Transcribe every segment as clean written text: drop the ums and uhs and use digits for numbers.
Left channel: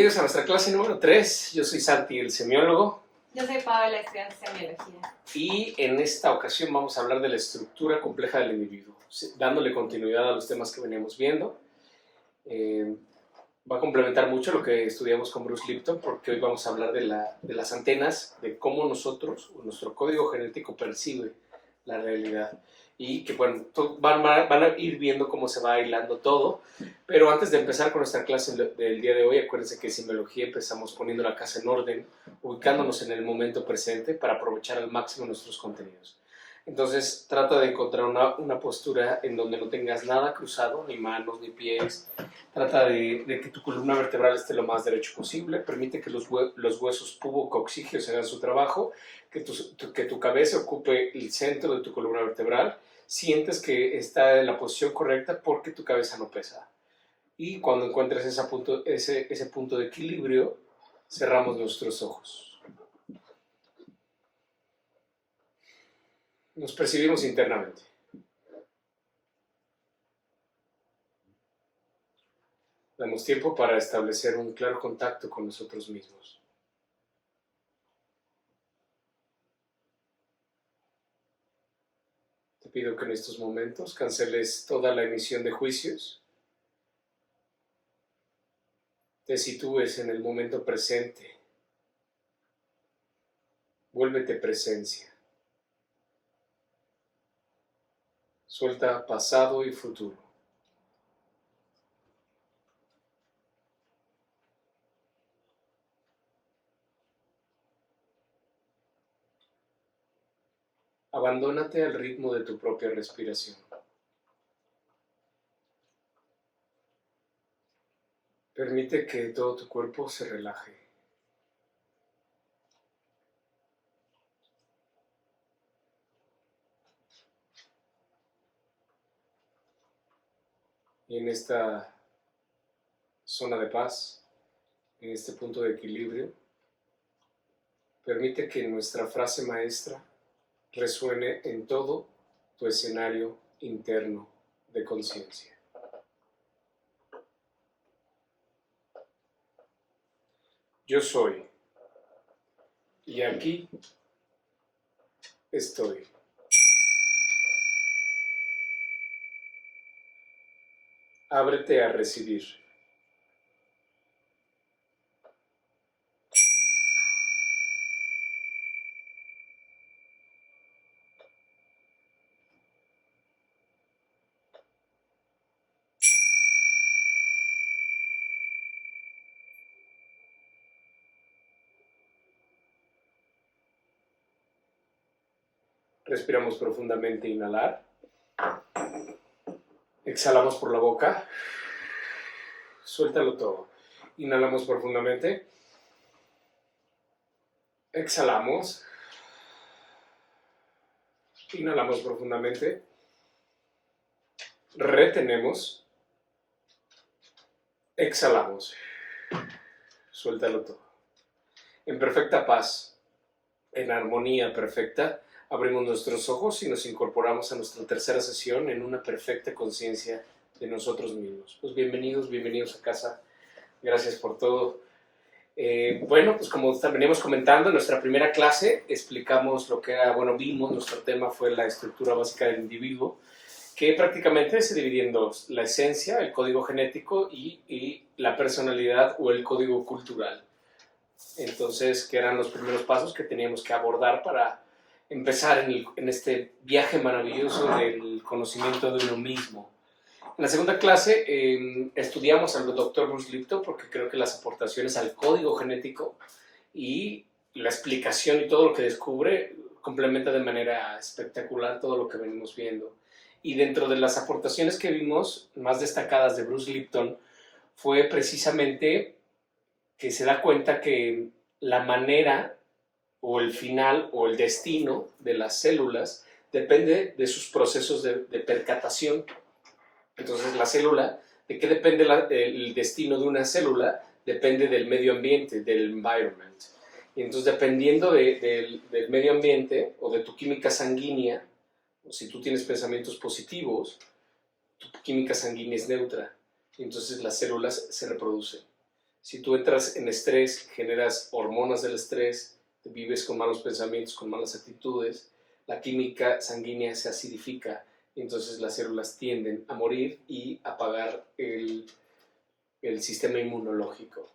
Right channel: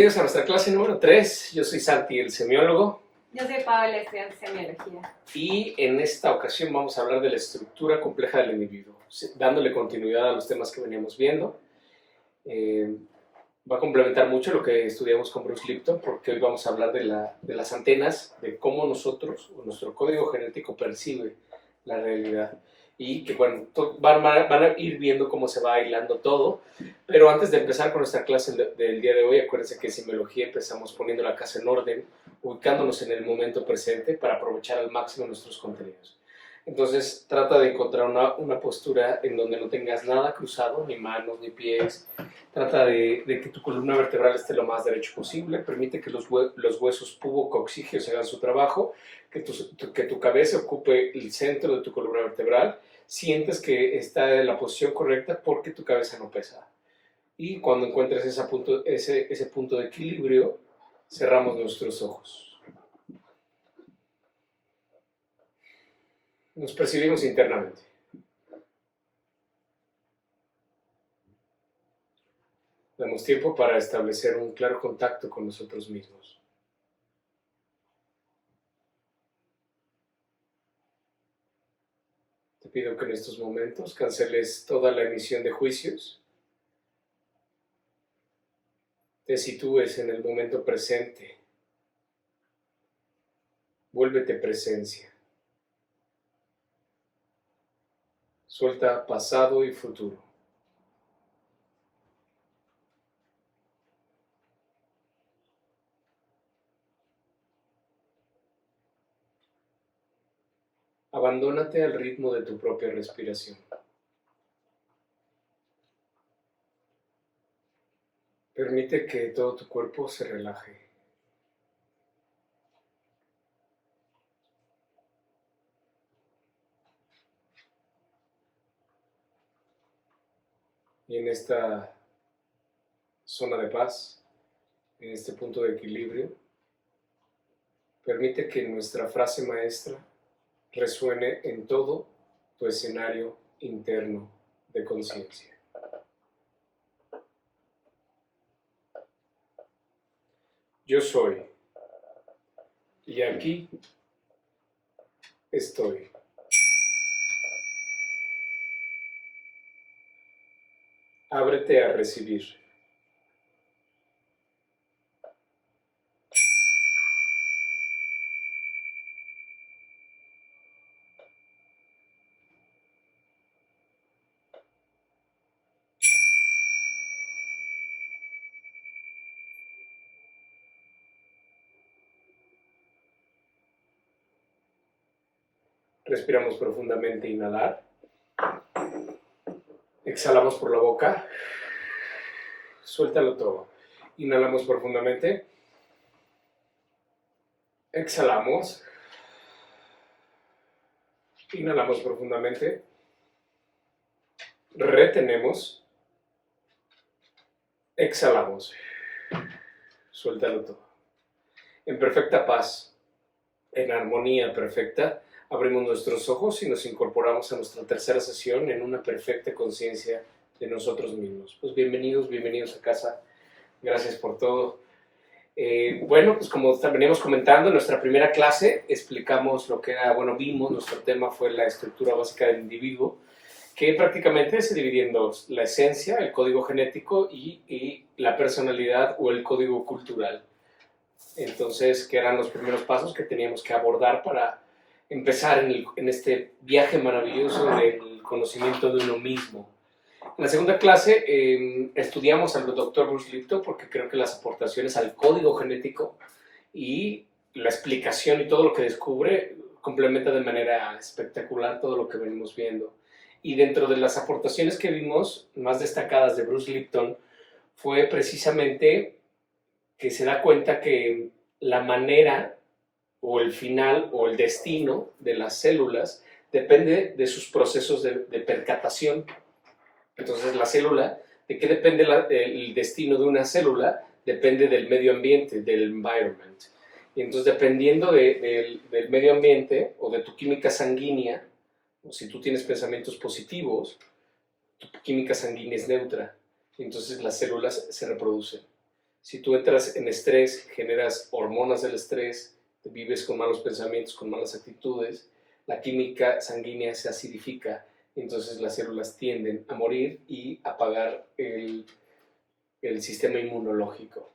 Bienvenidos a nuestra clase número 3. Yo soy Santi, el semiólogo. Yo soy Paola, estudiante de semiología. Y en esta ocasión vamos a hablar de la estructura compleja del individuo, dándole continuidad a los temas que veníamos viendo. Va a complementar mucho lo que estudiamos con Bruce Lipton, porque hoy vamos a hablar de las antenas, de cómo nosotros, o nuestro código genético percibe la realidad. Y que, bueno, van a ir viendo cómo se va hilando todo. Pero antes de empezar con nuestra clase del día de hoy, acuérdense que en semiología empezamos poniendo la casa en orden, ubicándonos en el momento presente para aprovechar al máximo nuestros contenidos. Entonces, trata de encontrar una postura en donde no tengas nada cruzado, ni manos, ni pies. Trata de que tu columna vertebral esté lo más derecho posible. Permite que los huesos pubocoxígeos hagan su trabajo, que tu cabeza ocupe el centro de tu columna vertebral. Sientes que está en la posición correcta porque tu cabeza no pesa. Y cuando encuentres ese punto de equilibrio, cerramos nuestros ojos. Nos percibimos internamente. Damos tiempo para establecer un claro contacto con nosotros mismos. Te pido que en estos momentos canceles toda la emisión de juicios. Te sitúes en el momento presente. Vuélvete presencia. Suelta pasado y futuro. Abandónate al ritmo de tu propia respiración. Permite que todo tu cuerpo se relaje. Y en esta zona de paz, en este punto de equilibrio, permite que nuestra frase maestra resuene en todo tu escenario interno de conciencia. Yo soy, y aquí estoy. Ábrete a recibir. Respiramos profundamente, inhalar. Exhalamos por la boca. Suéltalo todo. Inhalamos profundamente. Exhalamos. Inhalamos profundamente. Retenemos. Exhalamos. Suéltalo todo. En perfecta paz, en armonía perfecta, abrimos nuestros ojos y nos incorporamos a nuestra tercera sesión en una perfecta conciencia de nosotros mismos. Pues bienvenidos a casa. Gracias por todo. Bueno, pues como veníamos comentando, en nuestra primera clase explicamos lo que era, vimos, nuestro tema fue la estructura básica del individuo, que prácticamente se divide en dos: la esencia, el código genético, y la personalidad o el código cultural. Entonces, que eran los primeros pasos que teníamos que abordar para empezar en este viaje maravilloso del conocimiento de uno mismo. En la segunda clase estudiamos al doctor Bruce Lipton porque creo que las aportaciones al código genético y la explicación y todo lo que descubre complementa de manera espectacular todo lo que venimos viendo. Y dentro de las aportaciones que vimos, más destacadas de Bruce Lipton, fue precisamente que se da cuenta que la manera o el final o el destino de las células depende de sus procesos de percatación. Entonces, la célula, ¿de qué depende el destino de una célula? Depende del medio ambiente, del environment. Y entonces, dependiendo del medio ambiente o de tu química sanguínea, o si tú tienes pensamientos positivos, tu química sanguínea es neutra. Y entonces las células se reproducen. Si tú entras en estrés, generas hormonas del estrés, vives con malos pensamientos, con malas actitudes, la química sanguínea se acidifica, entonces las células tienden a morir y a apagar el sistema inmunológico.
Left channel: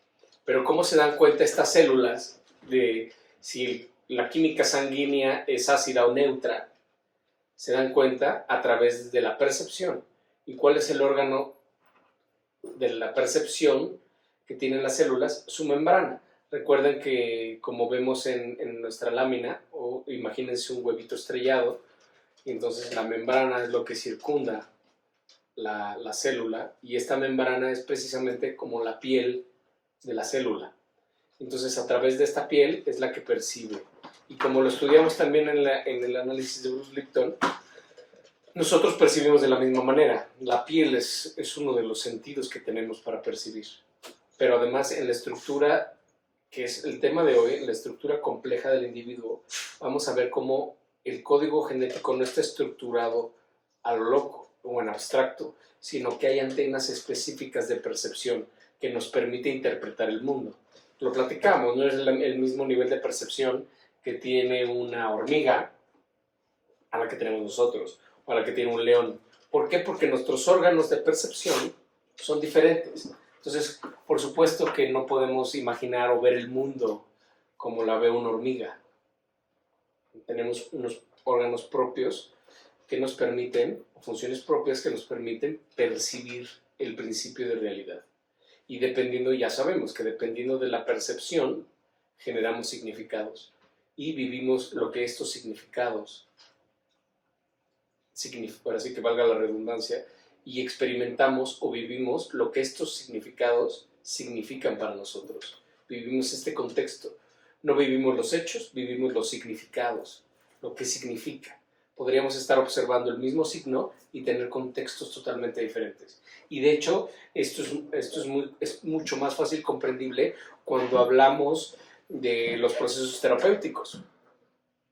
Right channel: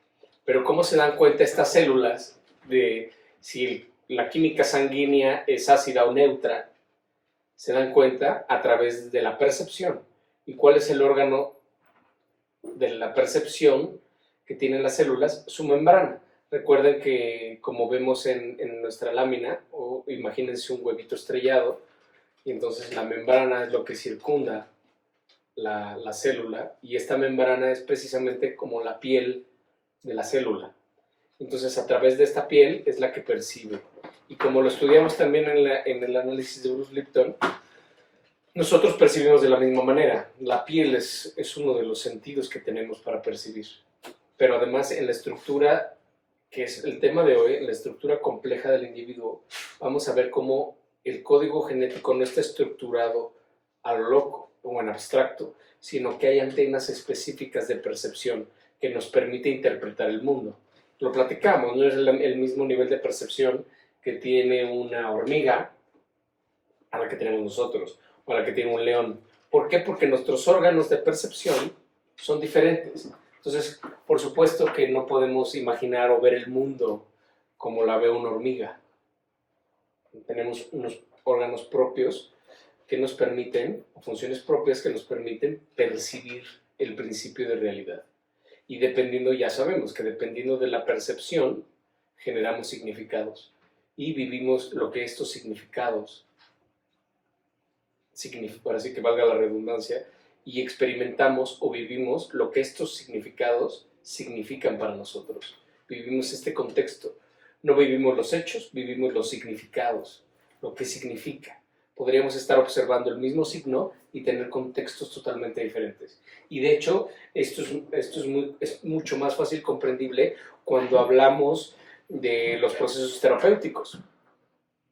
Pero ¿cómo se dan cuenta estas células de si la química sanguínea es ácida o neutra? Se dan cuenta a través de la percepción. ¿Y cuál es el órgano de la percepción que tienen las células? Su membrana. Recuerden que, como vemos en nuestra lámina, o imagínense un huevito estrellado, y entonces la membrana es lo que circunda la célula, y esta membrana es precisamente como la piel de la célula. Entonces, a través de esta piel es la que percibe. Y como lo estudiamos también en el análisis de Bruce Lipton, nosotros percibimos de la misma manera. La piel es uno de los sentidos que tenemos para percibir. Pero además, en la estructura, que es el tema de hoy, en la estructura compleja del individuo, vamos a ver cómo el código genético no está estructurado a lo loco o en abstracto, sino que hay antenas específicas de percepción que nos permite interpretar el mundo. Lo platicamos, no es el mismo nivel de percepción que tiene una hormiga a la que tenemos nosotros, o a la que tiene un león. ¿Por qué? Porque nuestros órganos de percepción son diferentes. Entonces, por supuesto que no podemos imaginar o ver el mundo como la ve una hormiga. Tenemos unos órganos propios que nos permiten, o funciones propias que nos permiten percibir el principio de realidad. Y dependiendo, ya sabemos que dependiendo de la percepción, generamos significados. Y vivimos lo que estos significados, ahora sí que valga la redundancia, y experimentamos o vivimos lo que estos significados significan para nosotros. Vivimos este contexto. No vivimos los hechos, vivimos los significados, lo que significa. Podríamos estar observando el mismo signo y tener contextos totalmente diferentes. Y de hecho, esto es mucho más fácil comprendible cuando hablamos de los procesos terapéuticos.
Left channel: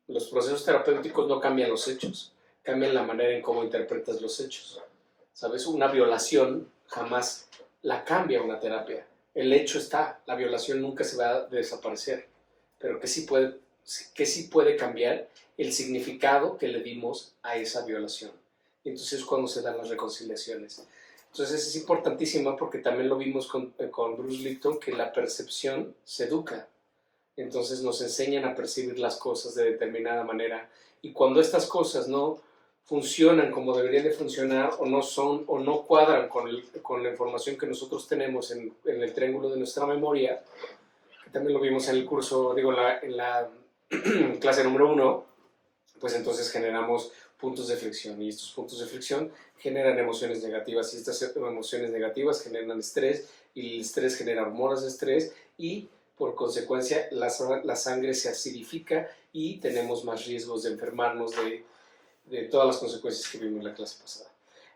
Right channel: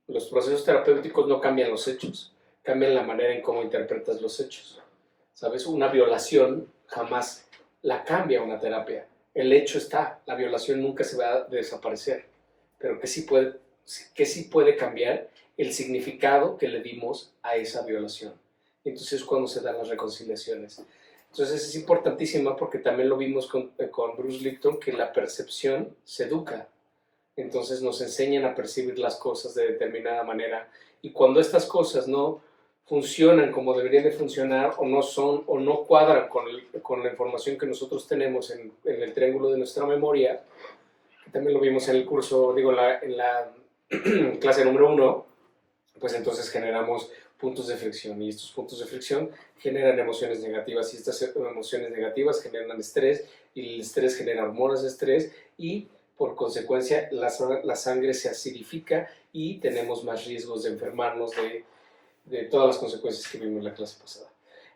Los procesos terapéuticos no cambian los hechos, cambian la manera en cómo interpretas los hechos. ¿Sabes? Una violación jamás la cambia una terapia. El hecho está, la violación nunca se va a desaparecer, pero que sí puede cambiar el significado que le dimos a esa violación. Entonces es cuando se dan las reconciliaciones. Entonces es importantísima porque también lo vimos con Bruce Lipton, que la percepción se educa. Entonces nos enseñan a percibir las cosas de determinada manera, y cuando estas cosas no funcionan como deberían de funcionar, o no son, o no cuadran con la información que nosotros tenemos en el triángulo de nuestra memoria, que también lo vimos en el curso, en la clase número 1, pues entonces generamos puntos de fricción, y estos puntos de fricción generan emociones negativas, y estas emociones negativas generan estrés, y el estrés genera hormonas de estrés, y por consecuencia la sangre se acidifica y tenemos más riesgos de enfermarnos de todas las consecuencias que vimos en la clase pasada.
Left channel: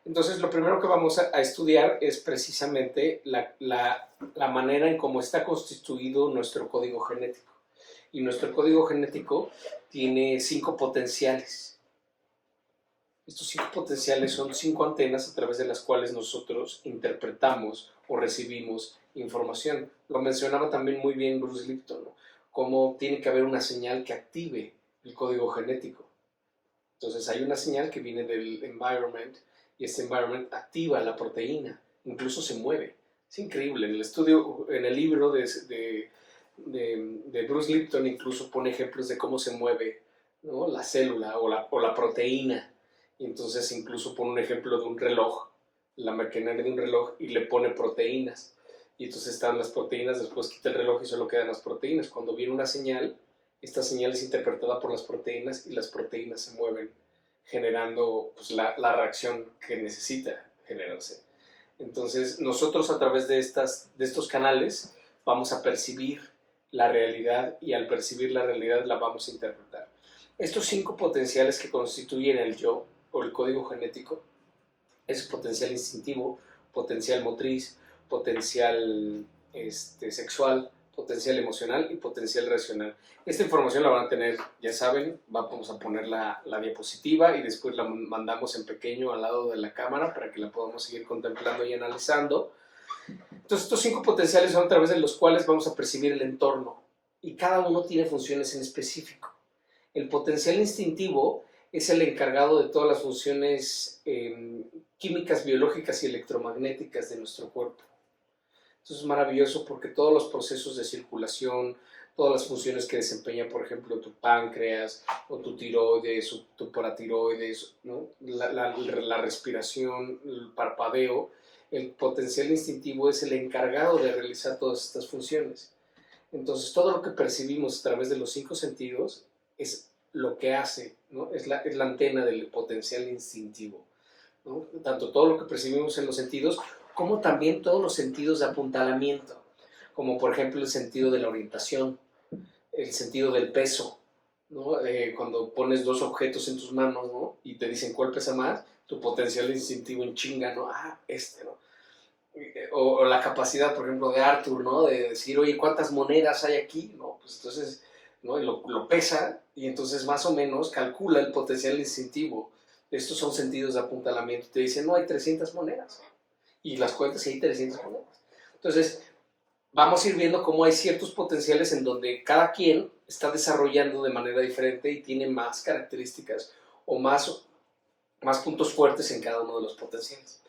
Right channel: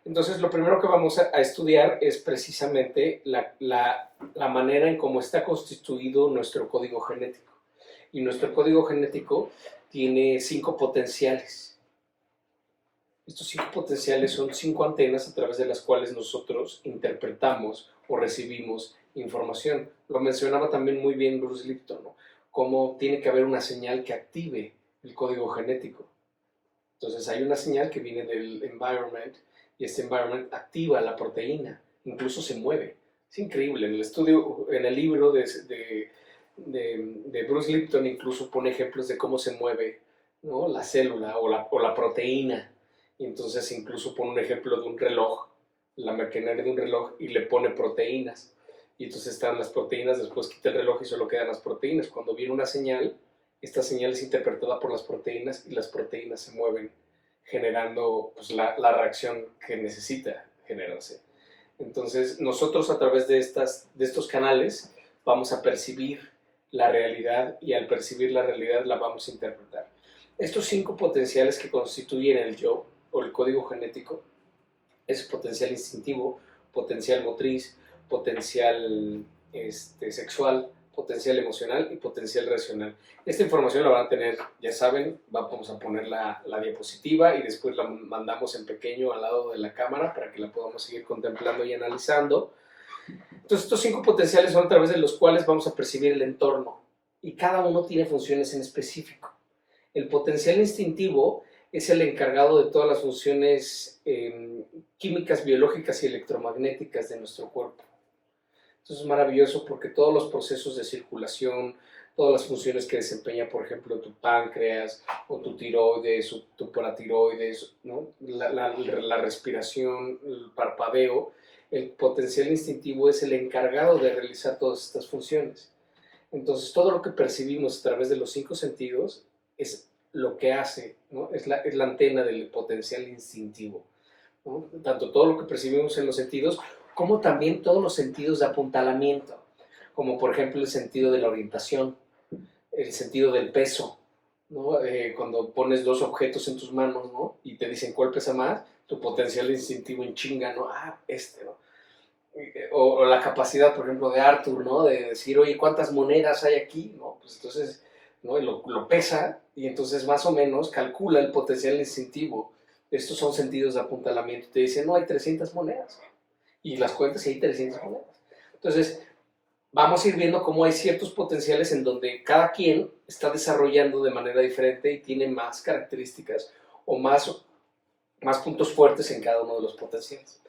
Entonces, lo primero que vamos a estudiar es precisamente la manera en cómo está constituido nuestro código genético. Y nuestro código genético tiene 5 potenciales. Estos 5 potenciales son 5 antenas a través de las cuales nosotros interpretamos o recibimos información. Lo mencionaba también muy bien Bruce Lipton, ¿no? Cómo tiene que haber una señal que active el código genético. Entonces hay una señal que viene del environment, y este environment activa la proteína, incluso se mueve. Es increíble. En el estudio, en el libro de Bruce Lipton, incluso pone ejemplos de cómo se mueve, ¿no?, la célula o la proteína. Y entonces incluso pone un ejemplo de un reloj, la maquinaria de un reloj, y le pone proteínas. Y entonces están las proteínas, después quita el reloj y solo quedan las proteínas. Cuando viene una señal, esta señal es interpretada por las proteínas, y las proteínas se mueven, generando pues, la reacción que necesita generarse. Entonces, nosotros a través de estos canales vamos a percibir la realidad, y al percibir la realidad la vamos a interpretar. Estos 5 potenciales que constituyen el yo, o el código genético, es potencial instintivo, potencial motriz, potencial sexual, potencial emocional y potencial racional. Esta información la van a tener, ya saben, vamos a poner la diapositiva y después la mandamos en pequeño al lado de la cámara para que la podamos seguir contemplando y analizando. Entonces, estos 5 potenciales son a través de los cuales vamos a percibir el entorno y cada uno tiene funciones en específico. El potencial instintivo es el encargado de todas las funciones químicas, biológicas y electromagnéticas de nuestro cuerpo. Entonces es maravilloso porque todos los procesos de circulación, todas las funciones que desempeña, por ejemplo, tu páncreas o tu tiroides o tu paratiroides, ¿no? la respiración, el parpadeo, el potencial instintivo es el encargado de realizar todas estas funciones. Entonces todo lo que percibimos a través de los 5 sentidos es lo que hace, ¿no? Es la antena del potencial instintivo, ¿no? Tanto todo lo que percibimos en los sentidos como también todos los sentidos de apuntalamiento, como por ejemplo el sentido de la orientación, el sentido del peso, ¿no? Cuando pones 2 objetos en tus manos, ¿no? Y te dicen cuál pesa más, tu potencial instintivo en chinga, ¿no? ¿no? O la capacidad, por ejemplo, de Arthur, ¿no? De decir, oye, ¿cuántas monedas hay aquí? ¿No? Pues entonces, ¿no? Y lo pesa y entonces más o menos calcula el potencial instintivo. Estos son sentidos de apuntalamiento. Te dicen, no, hay 300 monedas. Y las cuentas y hay 300 monedas. Entonces, vamos a ir viendo cómo hay ciertos potenciales en donde cada quien está desarrollando de manera diferente y tiene más características o más puntos fuertes en cada uno de los potenciales.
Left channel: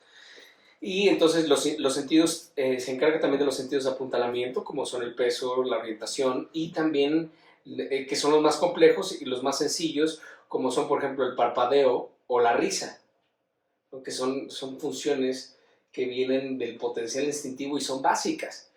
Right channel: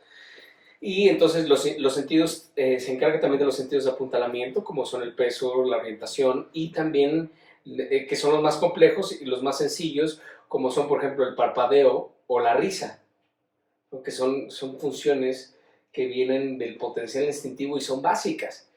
Y entonces los sentidos, se encarga también de los sentidos de apuntalamiento, como son el peso, la orientación, y también, que son los más complejos y los más sencillos, como son, por ejemplo, el parpadeo o la risa, ¿no? Que son funciones que vienen del potencial instintivo y son básicas.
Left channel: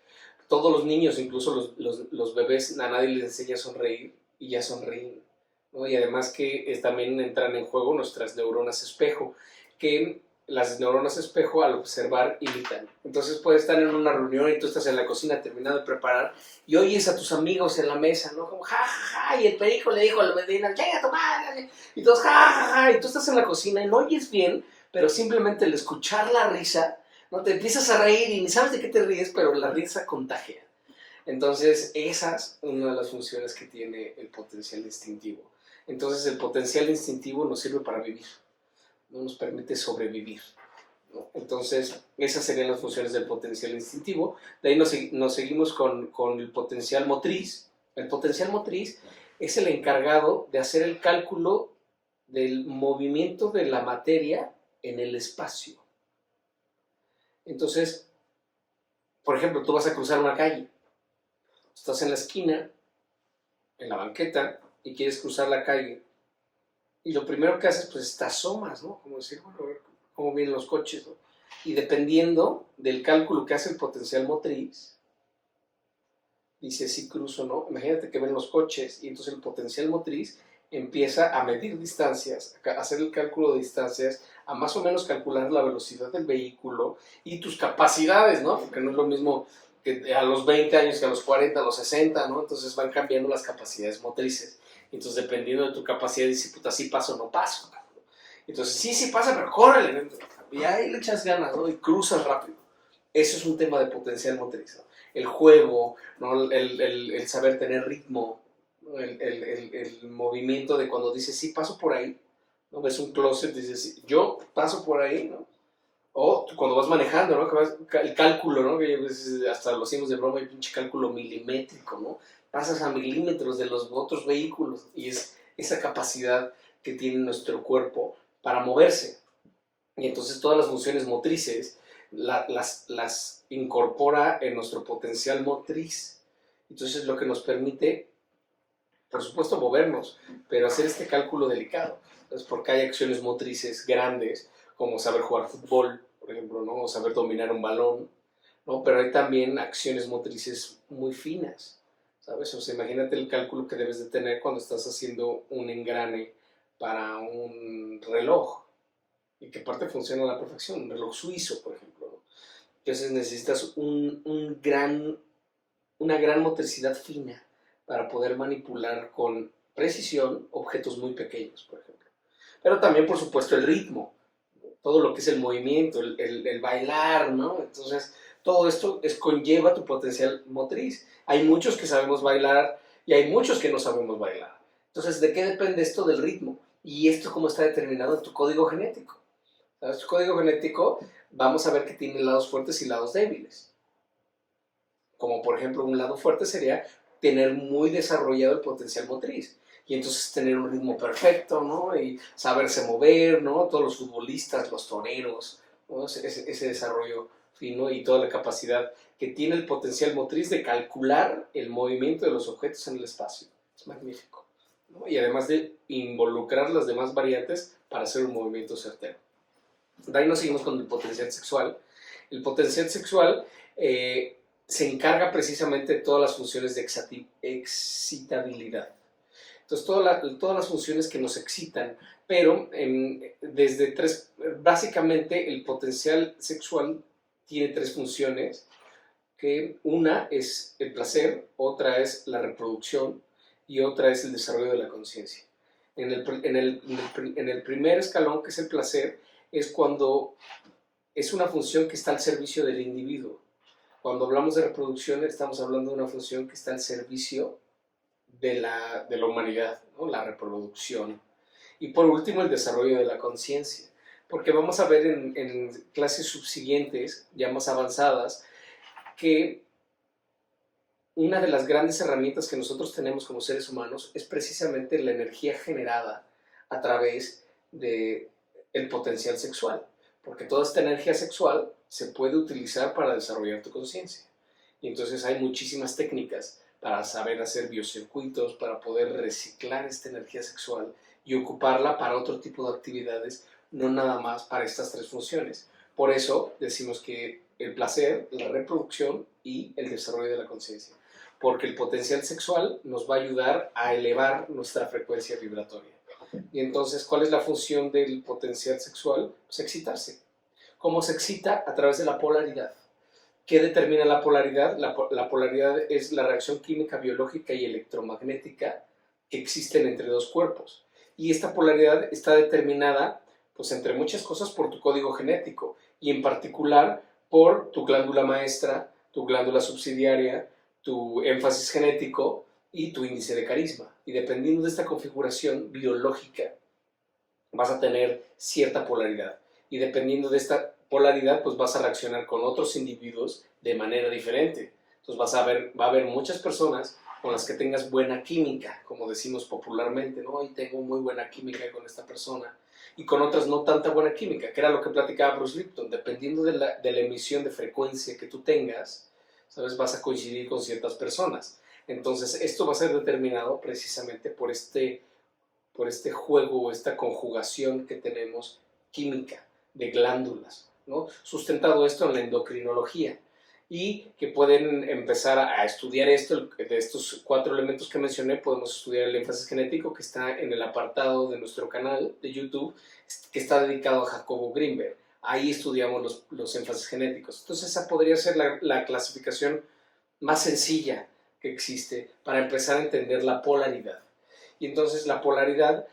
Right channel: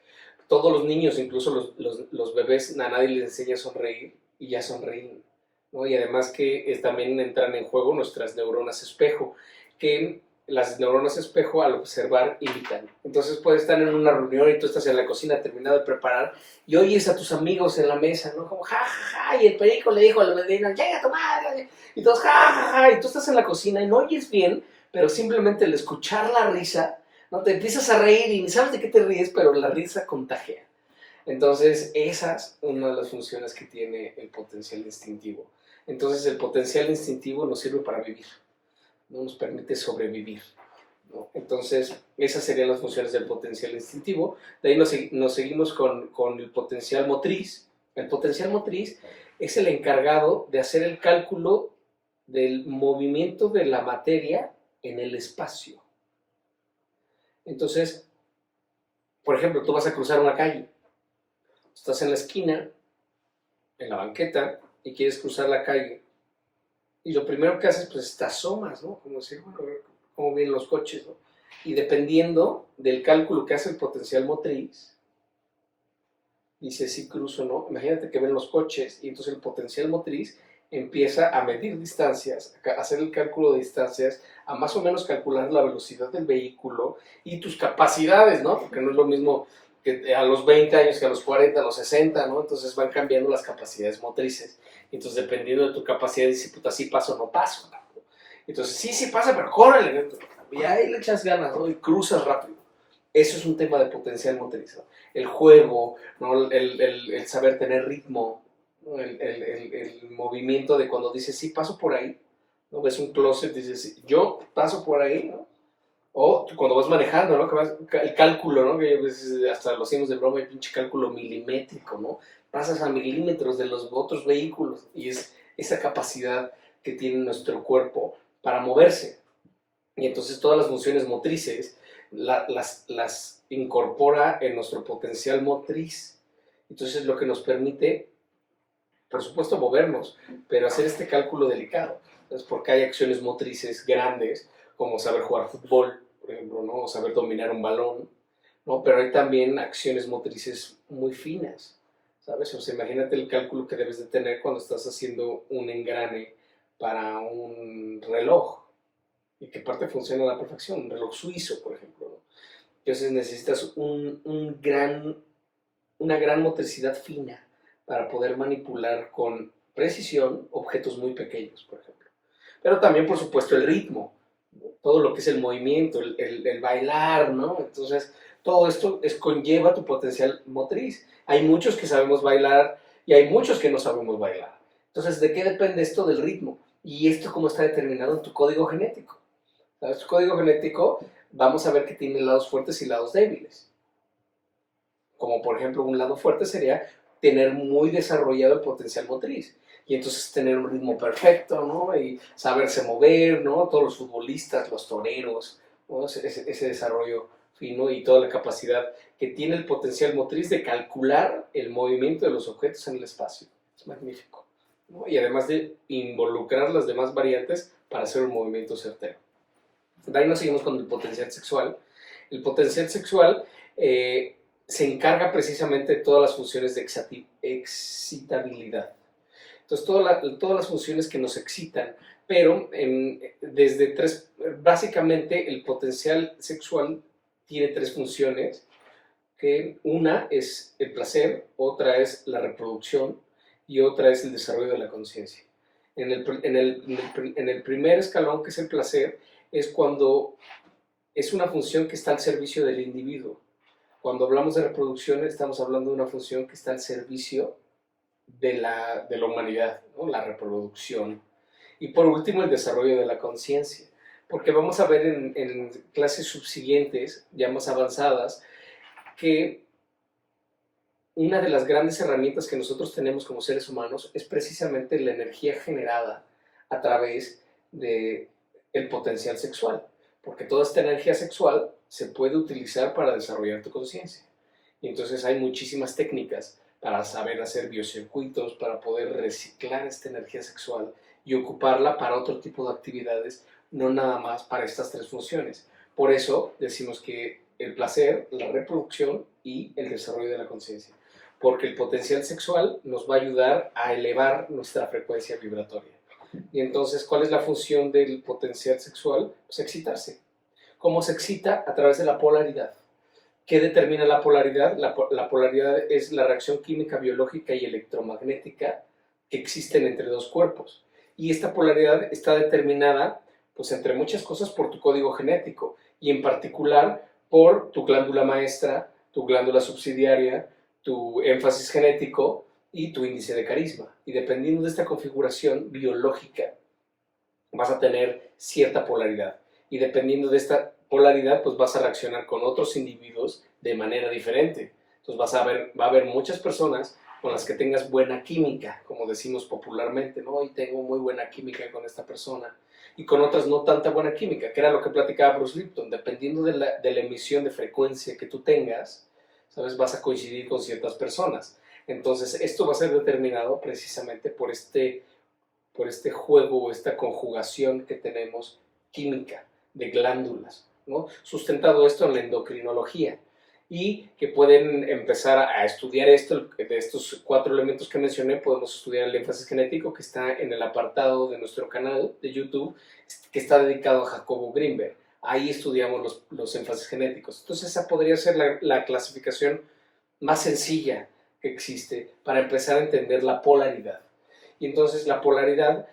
Todos los niños, incluso los bebés, a nadie les enseña a sonreír y ya sonríen, ¿no? Y además que también entran en juego nuestras neuronas espejo, que las neuronas espejo al observar imitan. Entonces puedes estar en una reunión y tú estás en la cocina terminado de preparar y oyes a tus amigos en la mesa, ¿no? Como ja, ja, ja, y el perico le dijo a la vecina, llega tu madre, y todos ja, ja, ja, y tú estás en la cocina y no oyes bien, pero simplemente el escuchar la risa, ¿no? Te empiezas a reír y ni sabes de qué te ríes, pero la risa contagia. Entonces, esa es una de las funciones que tiene el potencial instintivo. Entonces, el potencial instintivo nos sirve para vivir, no nos permite sobrevivir, ¿no? Entonces, esas serían las funciones del potencial instintivo. De ahí nos seguimos con el potencial motriz. El potencial motriz es el encargado de hacer el cálculo del movimiento de la materia en el espacio. Entonces, por ejemplo, tú vas a cruzar una calle, estás en la esquina, en la banqueta, y quieres cruzar la calle. Y lo primero que haces, pues te asomas, ¿no? Como decir, bueno, a ver cómo vienen los coches, ¿no? Y dependiendo del cálculo que hace el potencial motriz, dice si cruzo o no. Imagínate que ven los coches y entonces el potencial motriz empieza a medir distancias, a hacer el cálculo de distancias, a más o menos calcular la velocidad del vehículo y tus capacidades, ¿no? Porque no es lo mismo que a los 20 años que a los 40, a los 60, ¿no? Entonces van cambiando las capacidades motrices. Entonces, dependiendo de tu capacidad, dices, puta, sí paso o no paso. Entonces, sí pasa, pero córrele. Y ahí le echas ganas, ¿no? Y cruzas rápido. Eso es un tema de potencial motriz, ¿no? El juego, ¿no? El saber tener ritmo, ¿no? El movimiento de cuando dices, sí, paso por ahí, ¿no? Ves un closet, dices, yo paso por ahí, ¿no? O cuando vas manejando, ¿no? El cálculo, ¿no? Que hasta lo hacemos de broma, el pinche cálculo milimétrico, ¿no? Pasas a milímetros de los otros vehículos y es esa capacidad que tiene nuestro cuerpo para moverse. Y entonces todas las funciones motrices las incorpora en nuestro potencial motriz. Entonces es lo que nos permite, por supuesto, movernos, pero hacer este cálculo delicado. Entonces, porque hay acciones motrices grandes, como saber jugar fútbol, por ejemplo, ¿no? O saber dominar un balón, ¿no? Pero hay también acciones motrices muy finas, ¿sabes? O sea, imagínate el cálculo que debes de tener cuando estás haciendo un engrane para un reloj y que parte funciona a la perfección, un reloj suizo, por ejemplo, ¿no? Entonces necesitas una gran motricidad fina para poder manipular con precisión objetos muy pequeños, por ejemplo. Pero también, por supuesto, el ritmo, ¿no? Todo lo que es el movimiento, el bailar, ¿no? Entonces, todo esto conlleva tu potencial motriz. Hay muchos que sabemos bailar y hay muchos que no sabemos bailar. Entonces, ¿de qué depende esto del ritmo? Y esto cómo está determinado en tu código genético. ¿Sabes? Tu código genético, vamos a ver que tiene lados fuertes y lados débiles. como por ejemplo un lado fuerte sería tener muy desarrollado el potencial motriz. Y entonces tener un ritmo perfecto, ¿no? Y saberse mover, ¿no? Todos los futbolistas, los toreros, ¿no? Ese desarrollo fino y toda la capacidad que tiene el potencial motriz de calcular el movimiento de los objetos en el espacio. Es magnífico, ¿no? Y además de involucrar las demás variantes para hacer un movimiento certero. De ahí nos seguimos con el potencial sexual. El potencial sexual se encarga precisamente de todas las funciones de excitabilidad. Entonces, todas las funciones que nos excitan, pero básicamente el potencial sexual tiene tres funciones, que una es el placer, otra es la reproducción y otra es el desarrollo de la conciencia. En el primer escalón, que es el placer, es cuando es una función que está al servicio del individuo. Cuando hablamos de reproducción, estamos hablando de una función que está al servicio de la humanidad, ¿no? La reproducción. Y por último, el desarrollo de la conciencia. Porque vamos a ver en clases subsiguientes, ya más avanzadas, que una de las grandes herramientas que nosotros tenemos como seres humanos es precisamente la energía generada a través del potencial sexual. Porque toda esta energía sexual se puede utilizar para desarrollar tu conciencia. Y entonces hay muchísimas técnicas para saber hacer biocircuitos, para poder reciclar esta energía sexual y ocuparla para otro tipo de actividades, no nada más para estas tres funciones. Por eso decimos que el placer, la reproducción y el desarrollo de la conciencia. Porque el potencial sexual nos va a ayudar a elevar nuestra frecuencia vibratoria. Y entonces, ¿cuál es la función del potencial sexual? Pues excitarse. ¿Cómo se excita? A través de la polaridad. ¿Qué determina la polaridad? La polaridad es la reacción química, biológica y electromagnética que existen entre dos cuerpos. Y esta polaridad está determinada, pues entre muchas cosas, por tu código genético y en particular por tu glándula maestra, tu glándula subsidiaria, tu énfasis genético y tu índice de carisma. Y dependiendo de esta configuración biológica, vas a tener cierta polaridad. Y dependiendo de esta polaridad, pues vas a reaccionar con otros individuos de manera diferente. Entonces va a haber muchas personas con las que tengas buena química, como decimos popularmente, ¿no? Y tengo muy buena química con esta persona. Y con otras no tanta buena química, que era lo que platicaba Bruce Lipton. Dependiendo de la emisión de frecuencia que tú tengas, ¿sabes? Vas a coincidir con ciertas personas. Entonces, esto va a ser determinado precisamente por este juego o esta conjugación que tenemos química de glándulas, ¿no? Sustentado esto en la endocrinología y que pueden empezar a estudiar esto, de estos 4 elementos que mencioné. Podemos estudiar el énfasis genético, que está en el apartado de nuestro canal de YouTube, que está dedicado a Jacobo Greenberg. Ahí estudiamos los énfasis genéticos. Entonces esa podría ser la clasificación más sencilla que existe para empezar a entender la polaridad. Y entonces la polaridad,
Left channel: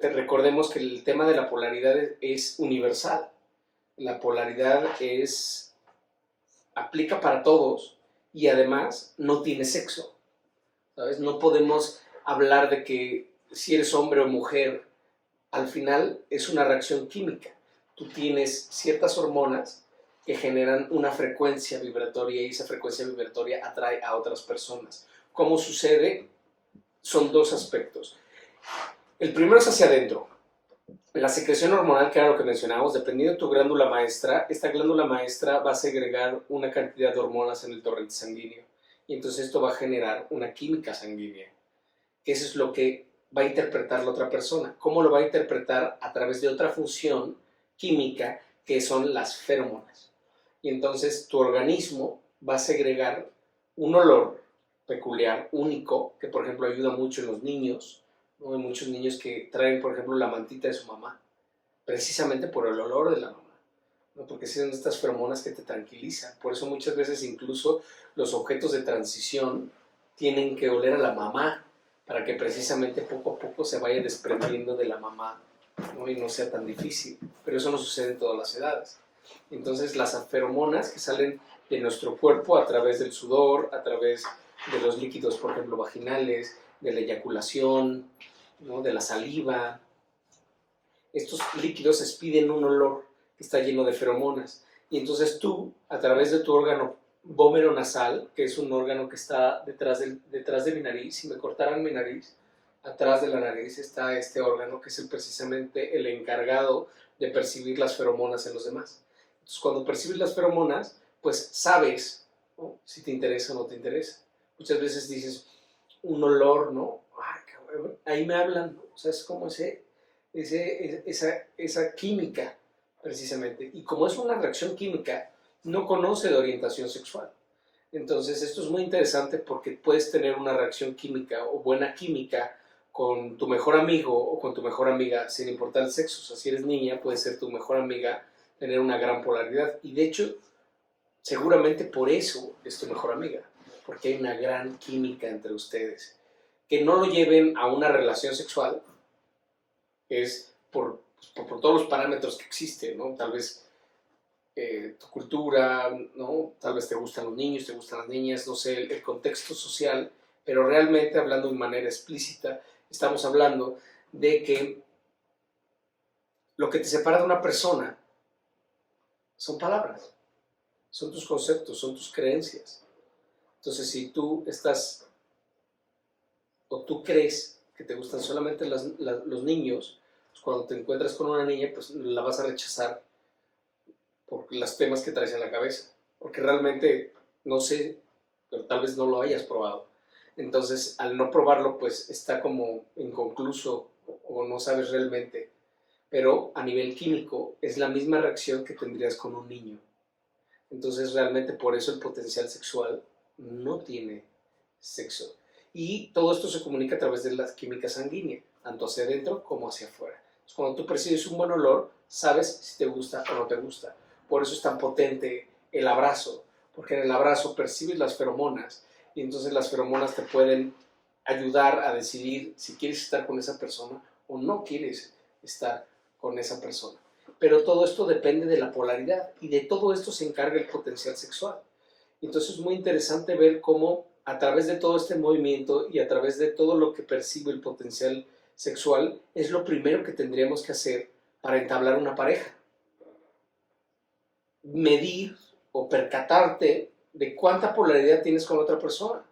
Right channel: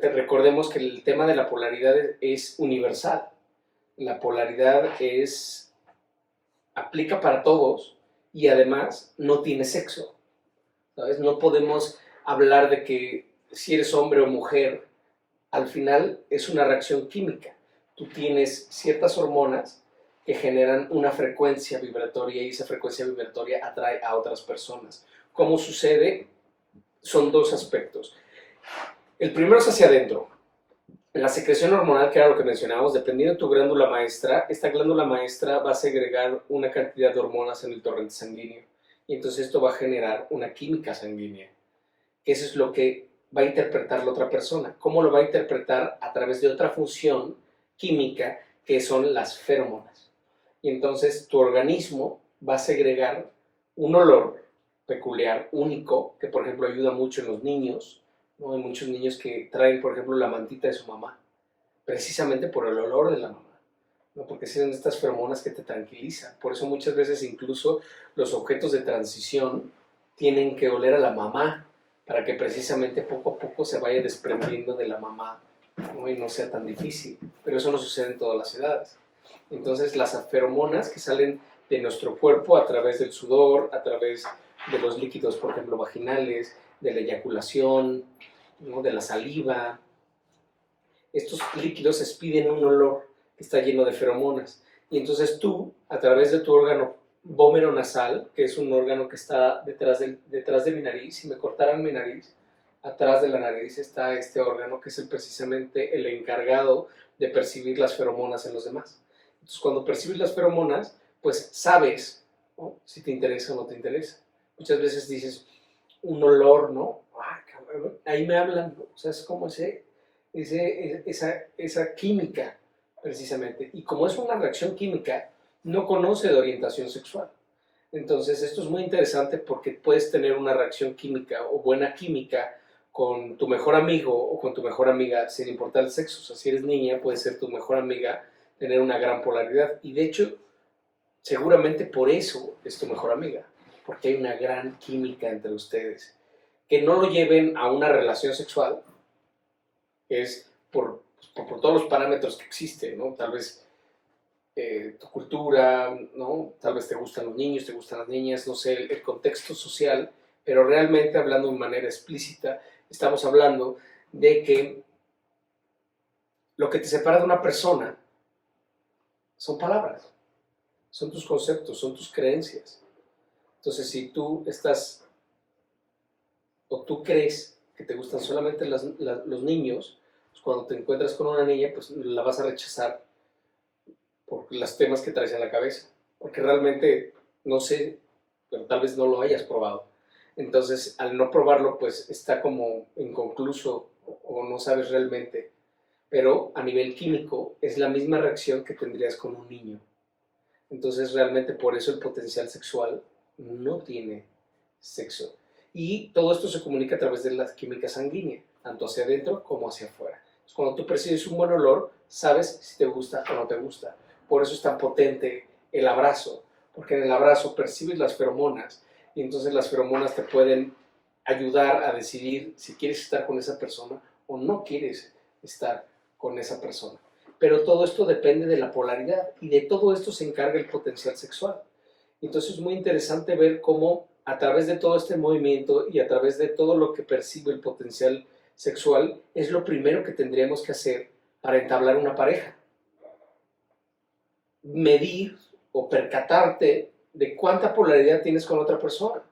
recordemos que el tema de la polaridad es universal. La polaridad aplica para todos y además no tiene sexo, ¿sabes? No podemos hablar de que si eres hombre o mujer, al final es una reacción química. Tú tienes ciertas hormonas que generan una frecuencia vibratoria y esa frecuencia vibratoria atrae a otras personas. ¿Cómo sucede? Son 2 aspectos. El primero es hacia adentro. La secreción hormonal, que era lo que mencionábamos, dependiendo de tu glándula maestra, esta glándula maestra va a segregar una cantidad de hormonas en el torrente sanguíneo. Y entonces esto va a generar una química sanguínea. Eso es lo que va a interpretar la otra persona. ¿Cómo lo va a interpretar? A través de otra función química, que son las feromonas. Y entonces tu organismo va a segregar un olor peculiar, único, que por ejemplo ayuda mucho en los niños, ¿no? Hay muchos niños que traen, por ejemplo, la mantita de su mamá, precisamente por el olor de la mamá, ¿no? Porque son estas feromonas que te tranquilizan. Por eso muchas veces incluso los objetos de transición tienen que oler a la mamá, para que precisamente poco a poco se vaya desprendiendo de la mamá, ¿no? Y no sea tan difícil. Pero eso no sucede en todas las edades. Entonces las feromonas que salen de nuestro cuerpo a través del sudor, a través de los líquidos, por ejemplo, vaginales, de la eyaculación, ¿no? De la saliva. Estos líquidos expiden un olor que está lleno de feromonas. Y entonces tú, a través de tu órgano vómero nasal, que es un órgano que está detrás de mi nariz. Si me cortaran mi nariz, atrás de la nariz está este órgano que es precisamente el encargado de percibir las feromonas en los demás. Entonces, cuando percibes las feromonas, pues sabes, ¿no?, si te interesa o no te interesa. Muchas veces dices un olor, ¿no? Ay, cabrón, ahí me hablan, ¿no? O sea, es como esa química, precisamente. Y como es una reacción química, no conoce de orientación sexual. Entonces, esto es muy interesante porque puedes tener una reacción química o buena química con tu mejor amigo o con tu mejor amiga, sin importar el sexo. O sea, si eres niña, puede ser tu mejor amiga, tener una gran polaridad. Y de hecho, seguramente por eso es tu mejor amiga, porque hay una gran química entre ustedes. Que no lo lleven a una relación sexual es por todos los parámetros que existen, ¿no? Tal vez tu cultura, ¿no? Tal vez te gustan los niños, te gustan las niñas, no sé, el contexto social, pero realmente hablando de manera explícita, estamos hablando de que lo que te separa de una persona son palabras, son tus conceptos, son tus creencias. Entonces, si tú estás o tú crees que te gustan solamente los niños, pues cuando te encuentras con una niña, pues la vas a rechazar por los temas que traes en la cabeza, porque realmente, no sé, pero tal vez no lo hayas probado. Entonces, al no probarlo, pues está como inconcluso o no sabes realmente, pero a nivel químico es la misma reacción que tendrías con un niño. Entonces, realmente por eso el potencial sexual no tiene sexo. Y todo esto se comunica a través de la química sanguínea, tanto hacia adentro como hacia afuera. Entonces, cuando tú percibes un buen olor, sabes si te gusta o no te gusta. Por eso es tan potente el abrazo, porque en el abrazo percibes las feromonas y entonces las feromonas te pueden ayudar a decidir si quieres estar con esa persona o no quieres estar con esa persona. Pero todo esto depende de la polaridad y de todo esto se encarga el potencial sexual. Entonces es muy interesante ver cómo a través de todo este movimiento y a través de todo lo que percibe el potencial sexual es lo primero que tendríamos que hacer para entablar una pareja. Medir o percatarte de cuánta polaridad tienes con otra persona.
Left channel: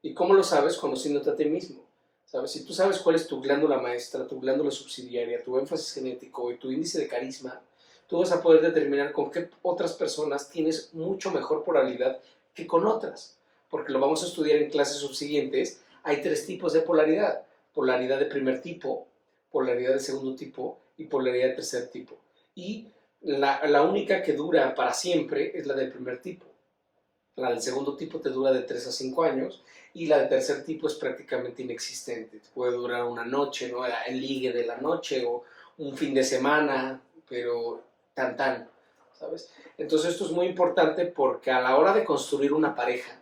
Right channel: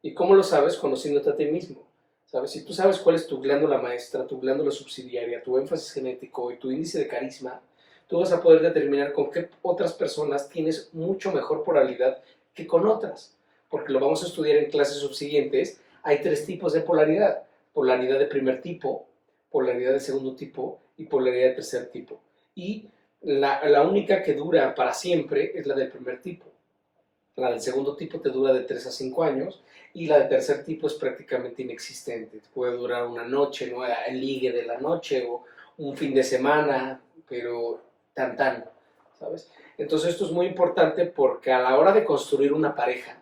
¿Y cómo lo sabes? Conociéndote a ti mismo. ¿Sabes? Si tú sabes cuál es tu glándula maestra, tu glándula subsidiaria, tu énfasis genético y tu índice de carisma, tú vas a poder determinar con qué otras personas tienes mucho mejor polaridad que con otras. Porque lo vamos a estudiar en clases subsiguientes. Hay 3 tipos de polaridad. Polaridad de primer tipo, polaridad de segundo tipo y polaridad de tercer tipo. Y la única que dura para siempre es la del primer tipo. La del segundo tipo te dura de 3 a 5 años y la del tercer tipo es prácticamente inexistente. Puede durar una noche, ¿no? El ligue de la noche o un fin de semana, pero tan, ¿sabes? Entonces esto es muy importante porque a la hora de construir una pareja,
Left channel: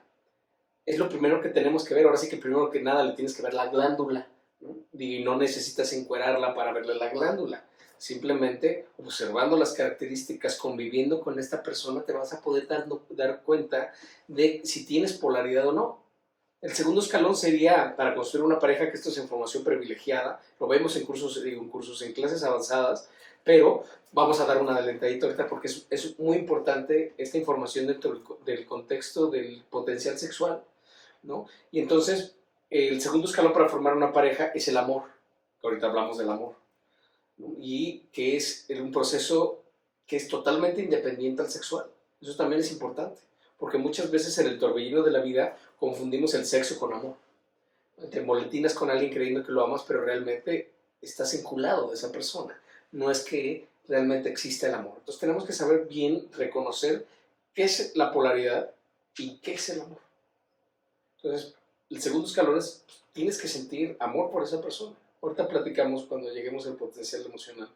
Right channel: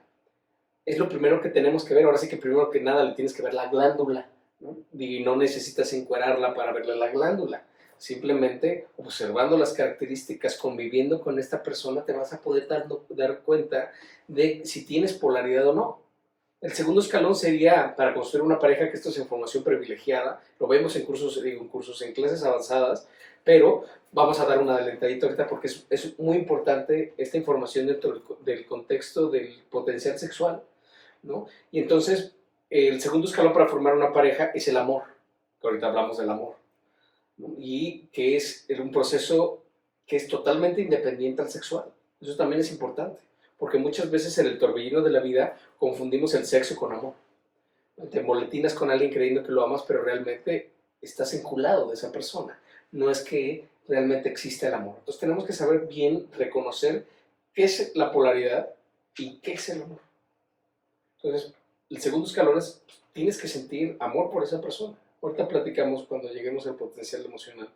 es lo primero que tenemos que ver. Ahora sí que primero que nada le tienes que ver la glándula, ¿no? Y no necesitas encuerarla para verle la glándula. Simplemente observando las características, conviviendo con esta persona, te vas a poder dar cuenta de si tienes polaridad o no. El segundo escalón sería para construir una pareja, que esto es información privilegiada, lo vemos en cursos, en clases avanzadas, pero vamos a dar una adelantadita ahorita porque es muy importante esta información dentro del contexto del potencial sexual, ¿no? Y entonces, el segundo escalón para formar una pareja es el amor, que ahorita hablamos del amor, ¿no? Y que es un proceso que es totalmente independiente al sexual. Eso también es importante, porque muchas veces en el torbellino de la vida confundimos el sexo con amor. Te molestinas con alguien creyendo que lo amas, pero realmente estás enculado de esa persona. No es que realmente exista el amor. Entonces tenemos que saber bien reconocer qué es la polaridad y qué es el amor. Entonces, el segundo escalón es, pues, tienes que sentir amor por esa persona. Ahorita platicamos cuando lleguemos al potencial emocional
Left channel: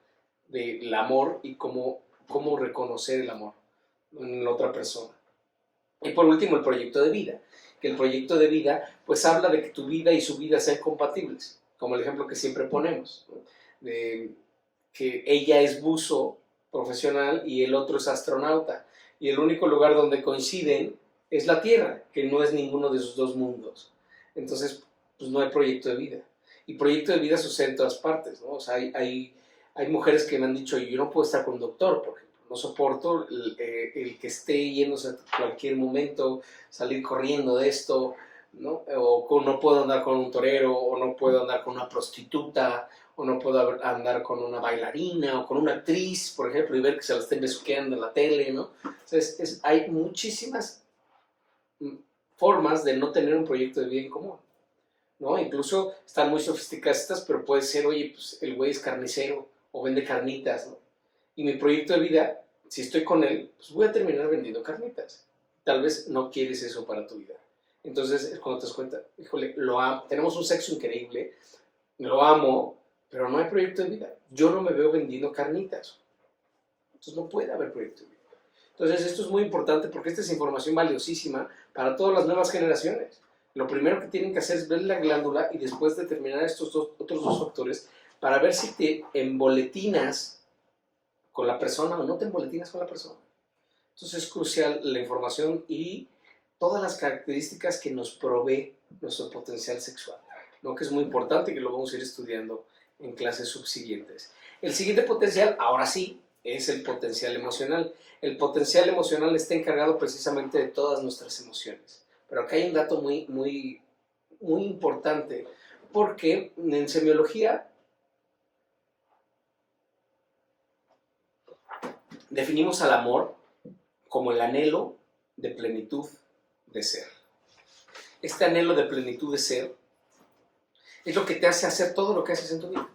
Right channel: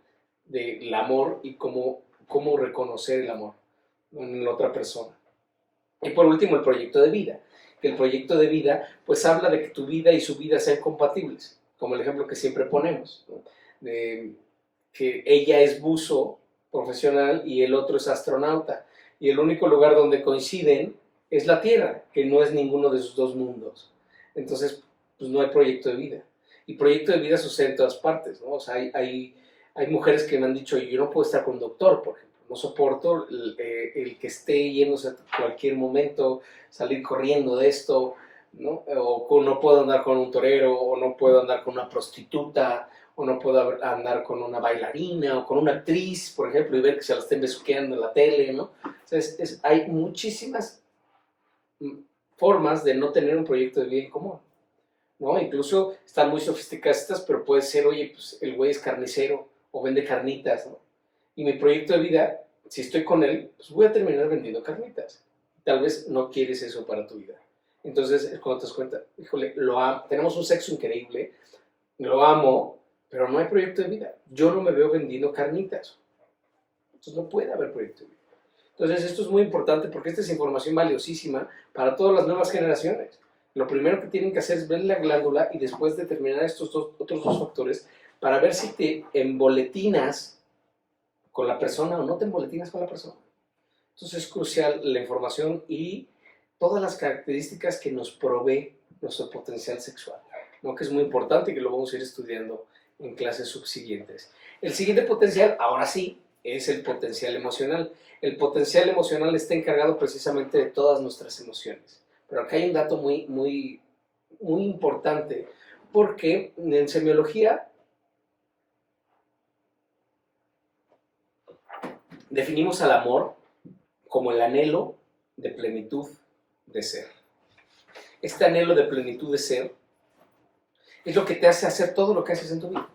del amor y cómo reconocer el amor en la otra persona. Y por último, el proyecto de vida. Que el proyecto de vida, pues habla de que tu vida y su vida sean compatibles, como el ejemplo que siempre ponemos, ¿no? De que ella es buzo profesional y el otro es astronauta. Y el único lugar donde coinciden es la Tierra, que no es ninguno de sus dos mundos. Entonces, pues no hay proyecto de vida. Y proyecto de vida sucede en todas partes, ¿no? O sea, hay mujeres que me han dicho, yo no puedo estar con un doctor, por ejemplo, No soporto el que esté yéndose a cualquier momento, salir corriendo de esto, ¿no? O no puedo andar con un torero, o no puedo andar con una prostituta, o no puedo andar con una bailarina, o con una actriz, por ejemplo, y ver que se la estén besuqueando en la tele, ¿no? O sea, hay muchísimas formas de no tener un proyecto de vida en común, ¿no? Incluso están muy sofisticadas estas, pero puede ser, oye, pues el güey es carnicero o vende carnitas, ¿no? Y mi proyecto de vida, si estoy con él, pues voy a terminar vendiendo carnitas. Tal vez no quieres eso para tu vida. Entonces es cuando te das cuenta, híjole, tenemos un sexo increíble, lo amo, pero no hay proyecto de vida. Yo no me veo vendiendo carnitas. Entonces no puede haber proyecto de vida. Entonces esto es muy importante porque esta es información valiosísima para todas las nuevas generaciones. Lo primero que tienen que hacer es ver la glándula y después determinar estos otros dos factores para ver si te emboletinas con la persona o no te emboletinas con la persona. Entonces es crucial la información y todas las características que nos provee nuestro potencial sexual, ¿no? Que es muy importante y que lo vamos a ir estudiando en clases subsiguientes. El siguiente potencial, ahora sí, es el potencial emocional. El potencial emocional está encargado precisamente de todas nuestras emociones. Pero acá hay un dato muy importante, porque en semiología definimos al amor como el anhelo de plenitud de ser. Este anhelo de plenitud de ser es lo que te hace hacer todo lo que haces en tu vida.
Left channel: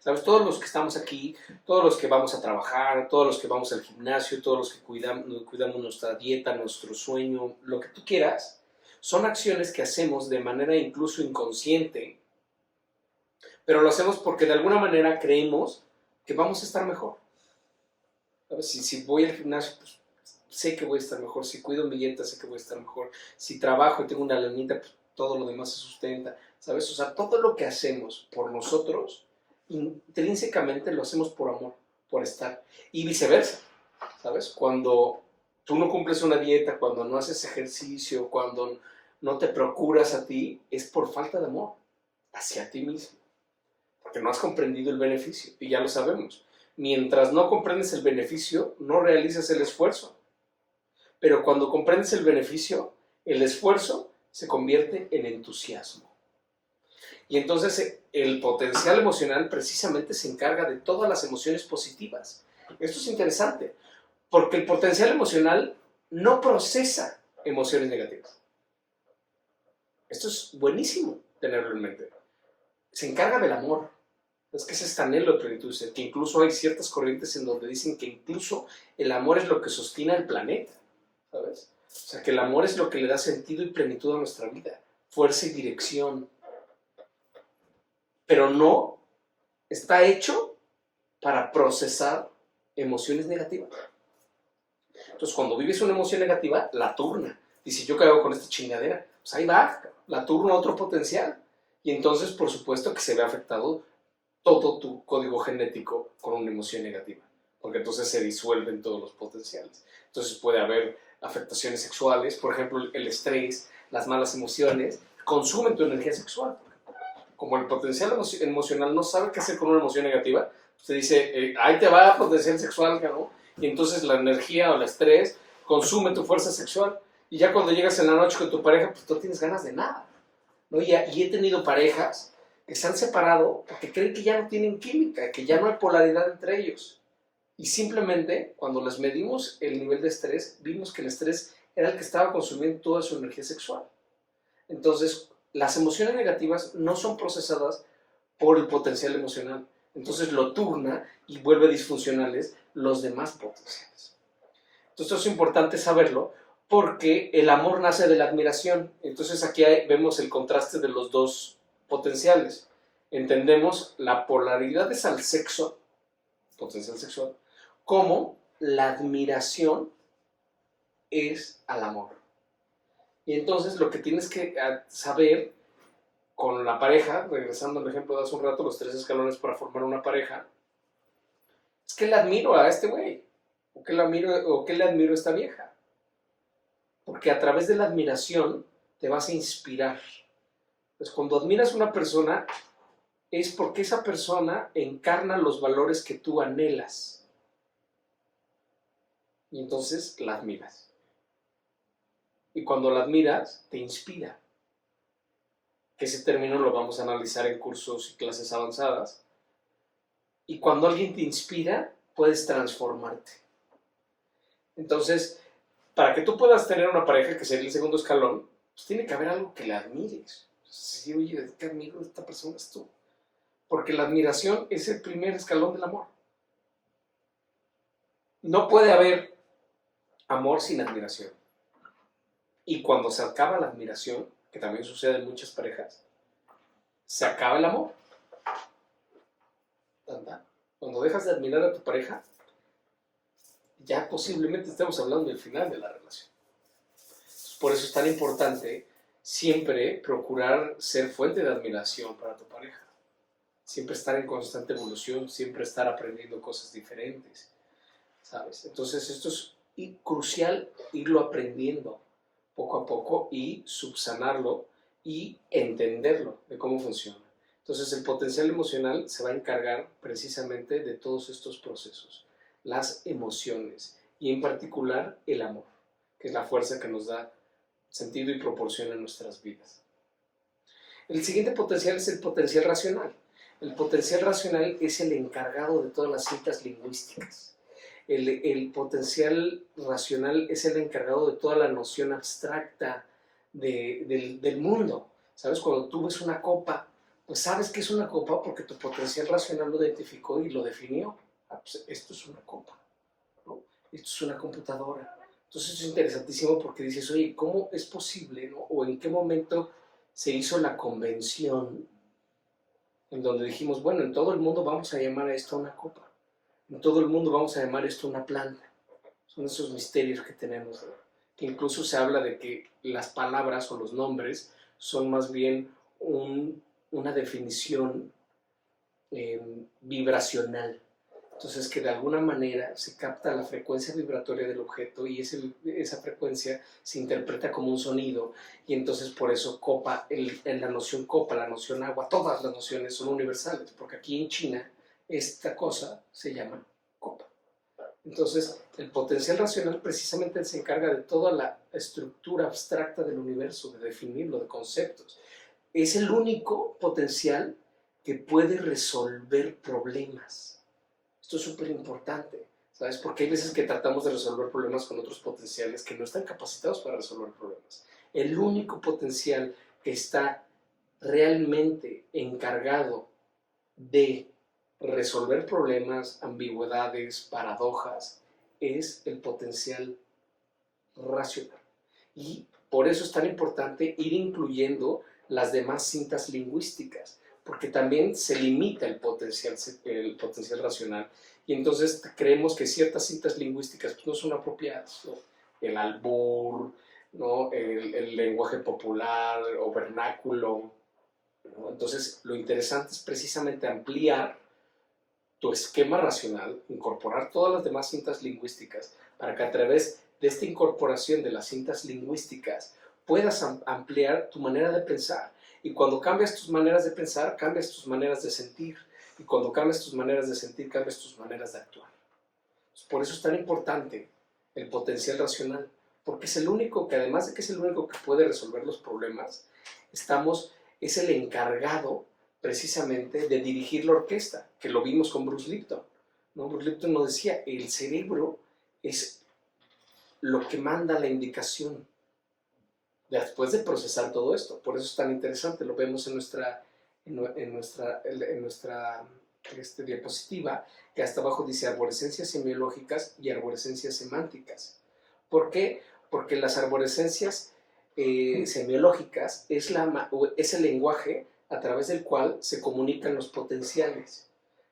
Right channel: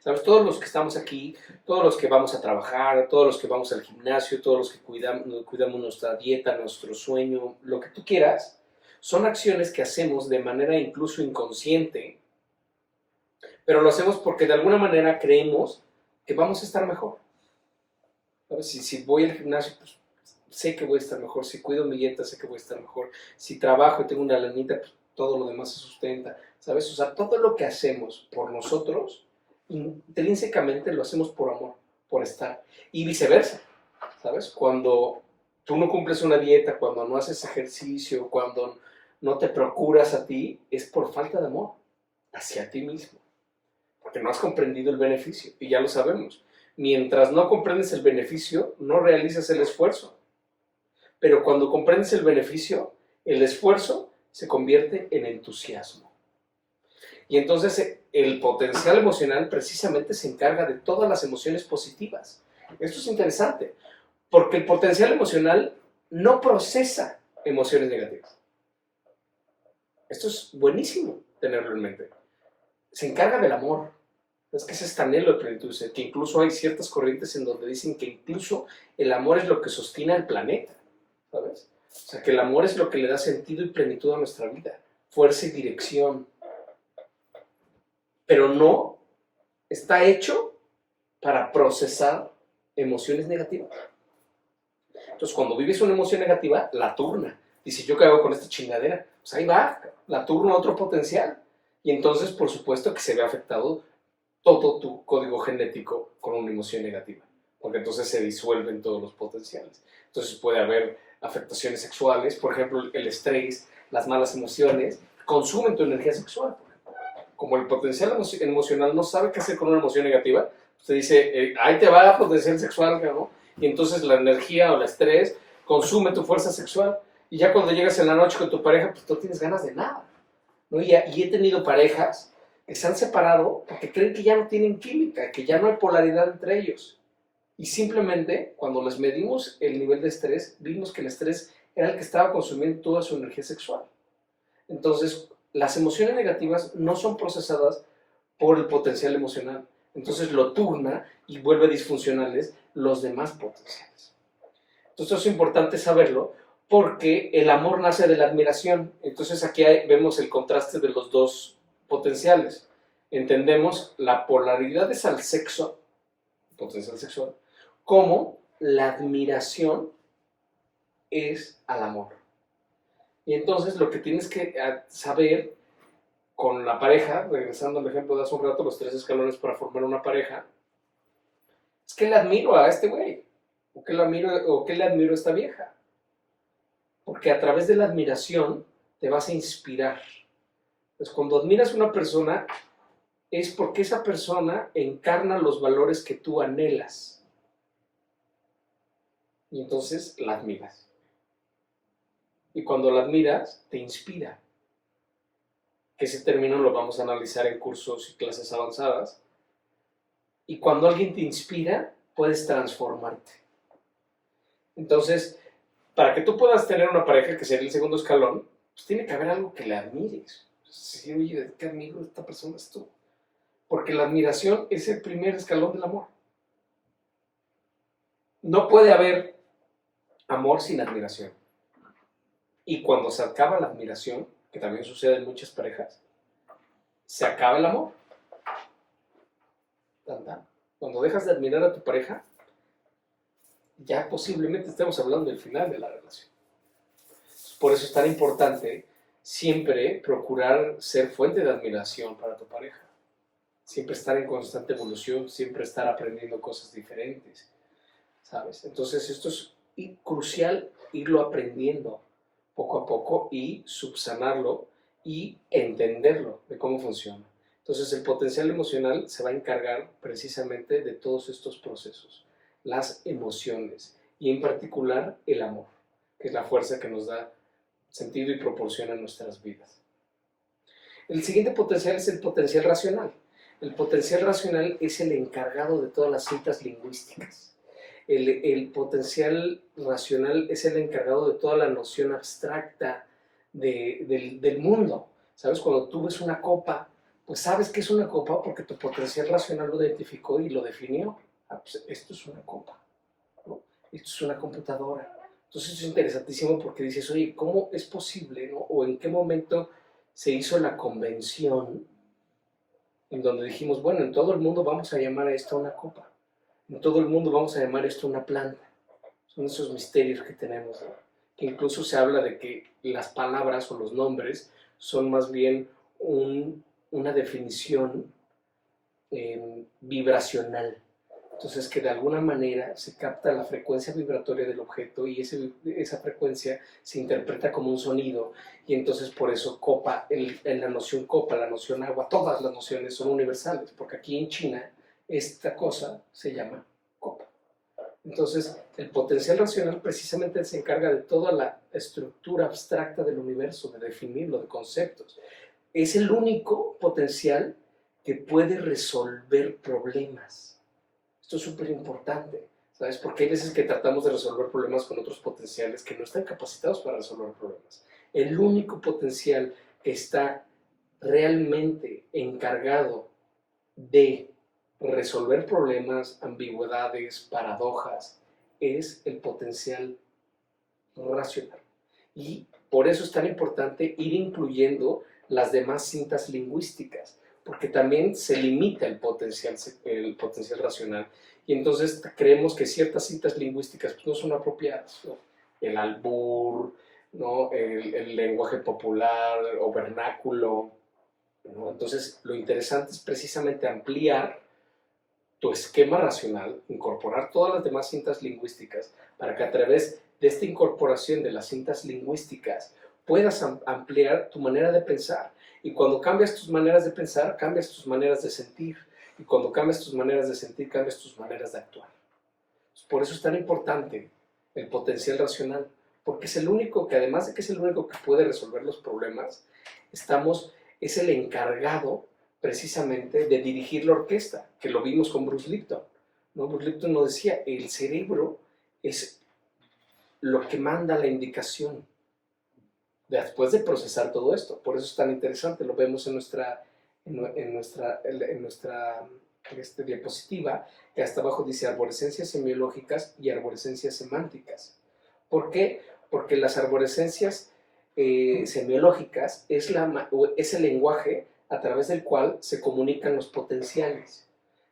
¿Sabes? Todos los que estamos aquí, todos los que vamos a trabajar, todos los que vamos al gimnasio, todos los que cuidamos nuestra dieta, nuestro sueño, lo que tú quieras, son acciones que hacemos de manera incluso inconsciente, pero lo hacemos porque de alguna manera creemos que vamos a estar mejor. ¿Sabes? Si voy al gimnasio, pues sé que voy a estar mejor. Si cuido mi dieta, sé que voy a estar mejor. Si trabajo y tengo una lanita, pues todo lo demás se sustenta. ¿Sabes? O sea, todo lo que hacemos por nosotros, intrínsecamente lo hacemos por amor, por estar. Y viceversa, ¿sabes? Cuando tú no cumples una dieta, cuando no haces ejercicio, cuando no te procuras a ti, es por falta de amor hacia ti mismo. Porque no has comprendido el beneficio. Y ya lo sabemos. Mientras no comprendes el beneficio, no realizas el esfuerzo. Pero cuando comprendes el beneficio, el esfuerzo se convierte en entusiasmo. Y entonces el potencial emocional precisamente se encarga de todas las emociones positivas. Esto es interesante, porque el potencial emocional no procesa emociones negativas. Esto es buenísimo tenerlo en mente. Se encarga del amor. Es que ese es tan anhelo de plenitud, que incluso hay ciertas corrientes en donde dicen que incluso el amor es lo que sostiene al planeta, ¿sabes? O sea, que el amor es lo que le da sentido y plenitud a nuestra vida, fuerza y dirección. Pero no está hecho para procesar emociones negativas. Entonces, cuando vives una emoción negativa, la turna. Dice, ¿yo qué hago con esta chingadera? Pues ahí va, la turna a otro potencial. Y entonces, por supuesto que se ve afectado todo tu código genético con una emoción negativa, porque entonces se disuelven todos los potenciales. Entonces puede haber afectaciones sexuales, por ejemplo, el estrés, las malas emociones, consumen tu energía sexual. Como el potencial emocional no sabe qué hacer con una emoción negativa, usted dice, ahí te va el potencial sexual, ¿no? Y entonces la energía o el estrés consume tu fuerza sexual, y ya cuando llegas en la noche con tu pareja, pues no tienes ganas de nada, ¿no? Y he tenido parejas que se han separado porque creen que ya no tienen química, que ya no hay polaridad entre ellos. Y simplemente, cuando les medimos el nivel de estrés, vimos que el estrés era el que estaba consumiendo toda su energía sexual. Entonces, las emociones negativas no son procesadas por el potencial emocional. Entonces lo turna y vuelve disfuncionales los demás potenciales. Entonces es importante saberlo porque el amor nace de la admiración. Entonces aquí vemos el contraste de los dos potenciales. Entendemos la polaridad es al sexo, potencial sexual, como la admiración es al amor. Y entonces lo que tienes que saber con la pareja, regresando al ejemplo de hace un rato, los 3 escalones para formar una pareja, es que le admiro a este güey, o que le admiro a esta vieja. Porque a través de la admiración te vas a inspirar. Pues cuando admiras a una persona, es porque esa persona encarna los valores que tú anhelas. y entonces la admiras. Y cuando la admiras, te inspira. Que ese término lo vamos a analizar en cursos y clases avanzadas. Y cuando alguien te inspira, puedes transformarte. Entonces, para que tú puedas tener una pareja, que sería el segundo escalón, pues tiene que haber algo que la admires. Sí, oye, ¿qué admiro de esta persona es tú? Porque la admiración es el primer escalón del amor. No puede haber amor sin admiración. Y cuando se acaba la admiración, que también sucede en muchas parejas, se acaba el amor. Cuando dejas de admirar a tu pareja, ya posiblemente estemos hablando del final de la relación. Por eso es tan importante siempre procurar ser fuente de admiración para tu pareja. Siempre estar en constante evolución, siempre estar aprendiendo cosas diferentes, ¿sabes? Entonces esto es crucial irlo aprendiendo poco a poco y subsanarlo y entenderlo de cómo funciona. Entonces el potencial emocional se va a encargar precisamente de todos estos procesos, las emociones y en particular el amor, que es la fuerza que nos da sentido y proporciona nuestras vidas. El siguiente potencial es el potencial racional. El potencial racional es el encargado de todas las cintas lingüísticas. El potencial racional es el encargado de toda la noción abstracta del mundo. ¿Sabes? Cuando tú ves una copa, pues sabes que es una copa porque tu potencial racional lo identificó y lo definió. Pues esto es una copa, ¿no? Esto es una computadora. Entonces es interesantísimo porque dices, oye, ¿cómo es posible, ¿no? O en qué momento se hizo la convención en donde dijimos, bueno, en todo el mundo vamos a llamar a esto una copa. En todo el mundo vamos a llamar esto una planta. Son esos misterios que tenemos, ¿no? Que incluso se habla de que las palabras o los nombres son más bien una definición vibracional. Entonces, que de alguna manera se capta la frecuencia vibratoria del objeto y esa frecuencia se interpreta como un sonido. Y entonces, por eso, copa, en la noción copa, la noción agua, todas las nociones son universales, porque aquí en China esta cosa se llama copa. Entonces, el potencial racional precisamente se encarga de toda la estructura abstracta del universo, de definirlo, de conceptos. Es el único potencial que puede resolver problemas. Esto es súper importante, ¿sabes? Porque hay veces que tratamos de resolver problemas con otros potenciales que no están capacitados para resolver problemas. El único potencial que está realmente encargado de resolver problemas, ambigüedades, paradojas, es el potencial racional. Y por eso es tan importante ir incluyendo las demás cintas lingüísticas, porque también se limita el potencial racional. Y entonces creemos que ciertas cintas lingüísticas pues, no son apropiadas, ¿no? El albur, ¿no? el lenguaje popular o vernáculo, ¿no? Entonces, lo interesante es precisamente ampliar tu esquema racional, incorporar todas las demás cintas lingüísticas, para que a través de esta incorporación de las cintas lingüísticas puedas ampliar tu manera de pensar. Y cuando cambias tus maneras de pensar, cambias tus maneras de sentir. Y cuando cambias tus maneras de sentir, cambias tus maneras de actuar. Por eso es tan importante el potencial racional, porque es el único que, además de que es el único que puede resolver los problemas, es el encargado precisamente de dirigir la orquesta, que lo vimos con Bruce Lipton, ¿no? Bruce Lipton nos decía, el cerebro es lo que manda la indicación después de procesar todo esto. Por eso es tan interesante, lo vemos en nuestra diapositiva, que hasta abajo dice arborescencias semiológicas y arborescencias semánticas. ¿Por qué? Porque las arborescencias semiológicas es el lenguaje a través del cual se comunican los potenciales.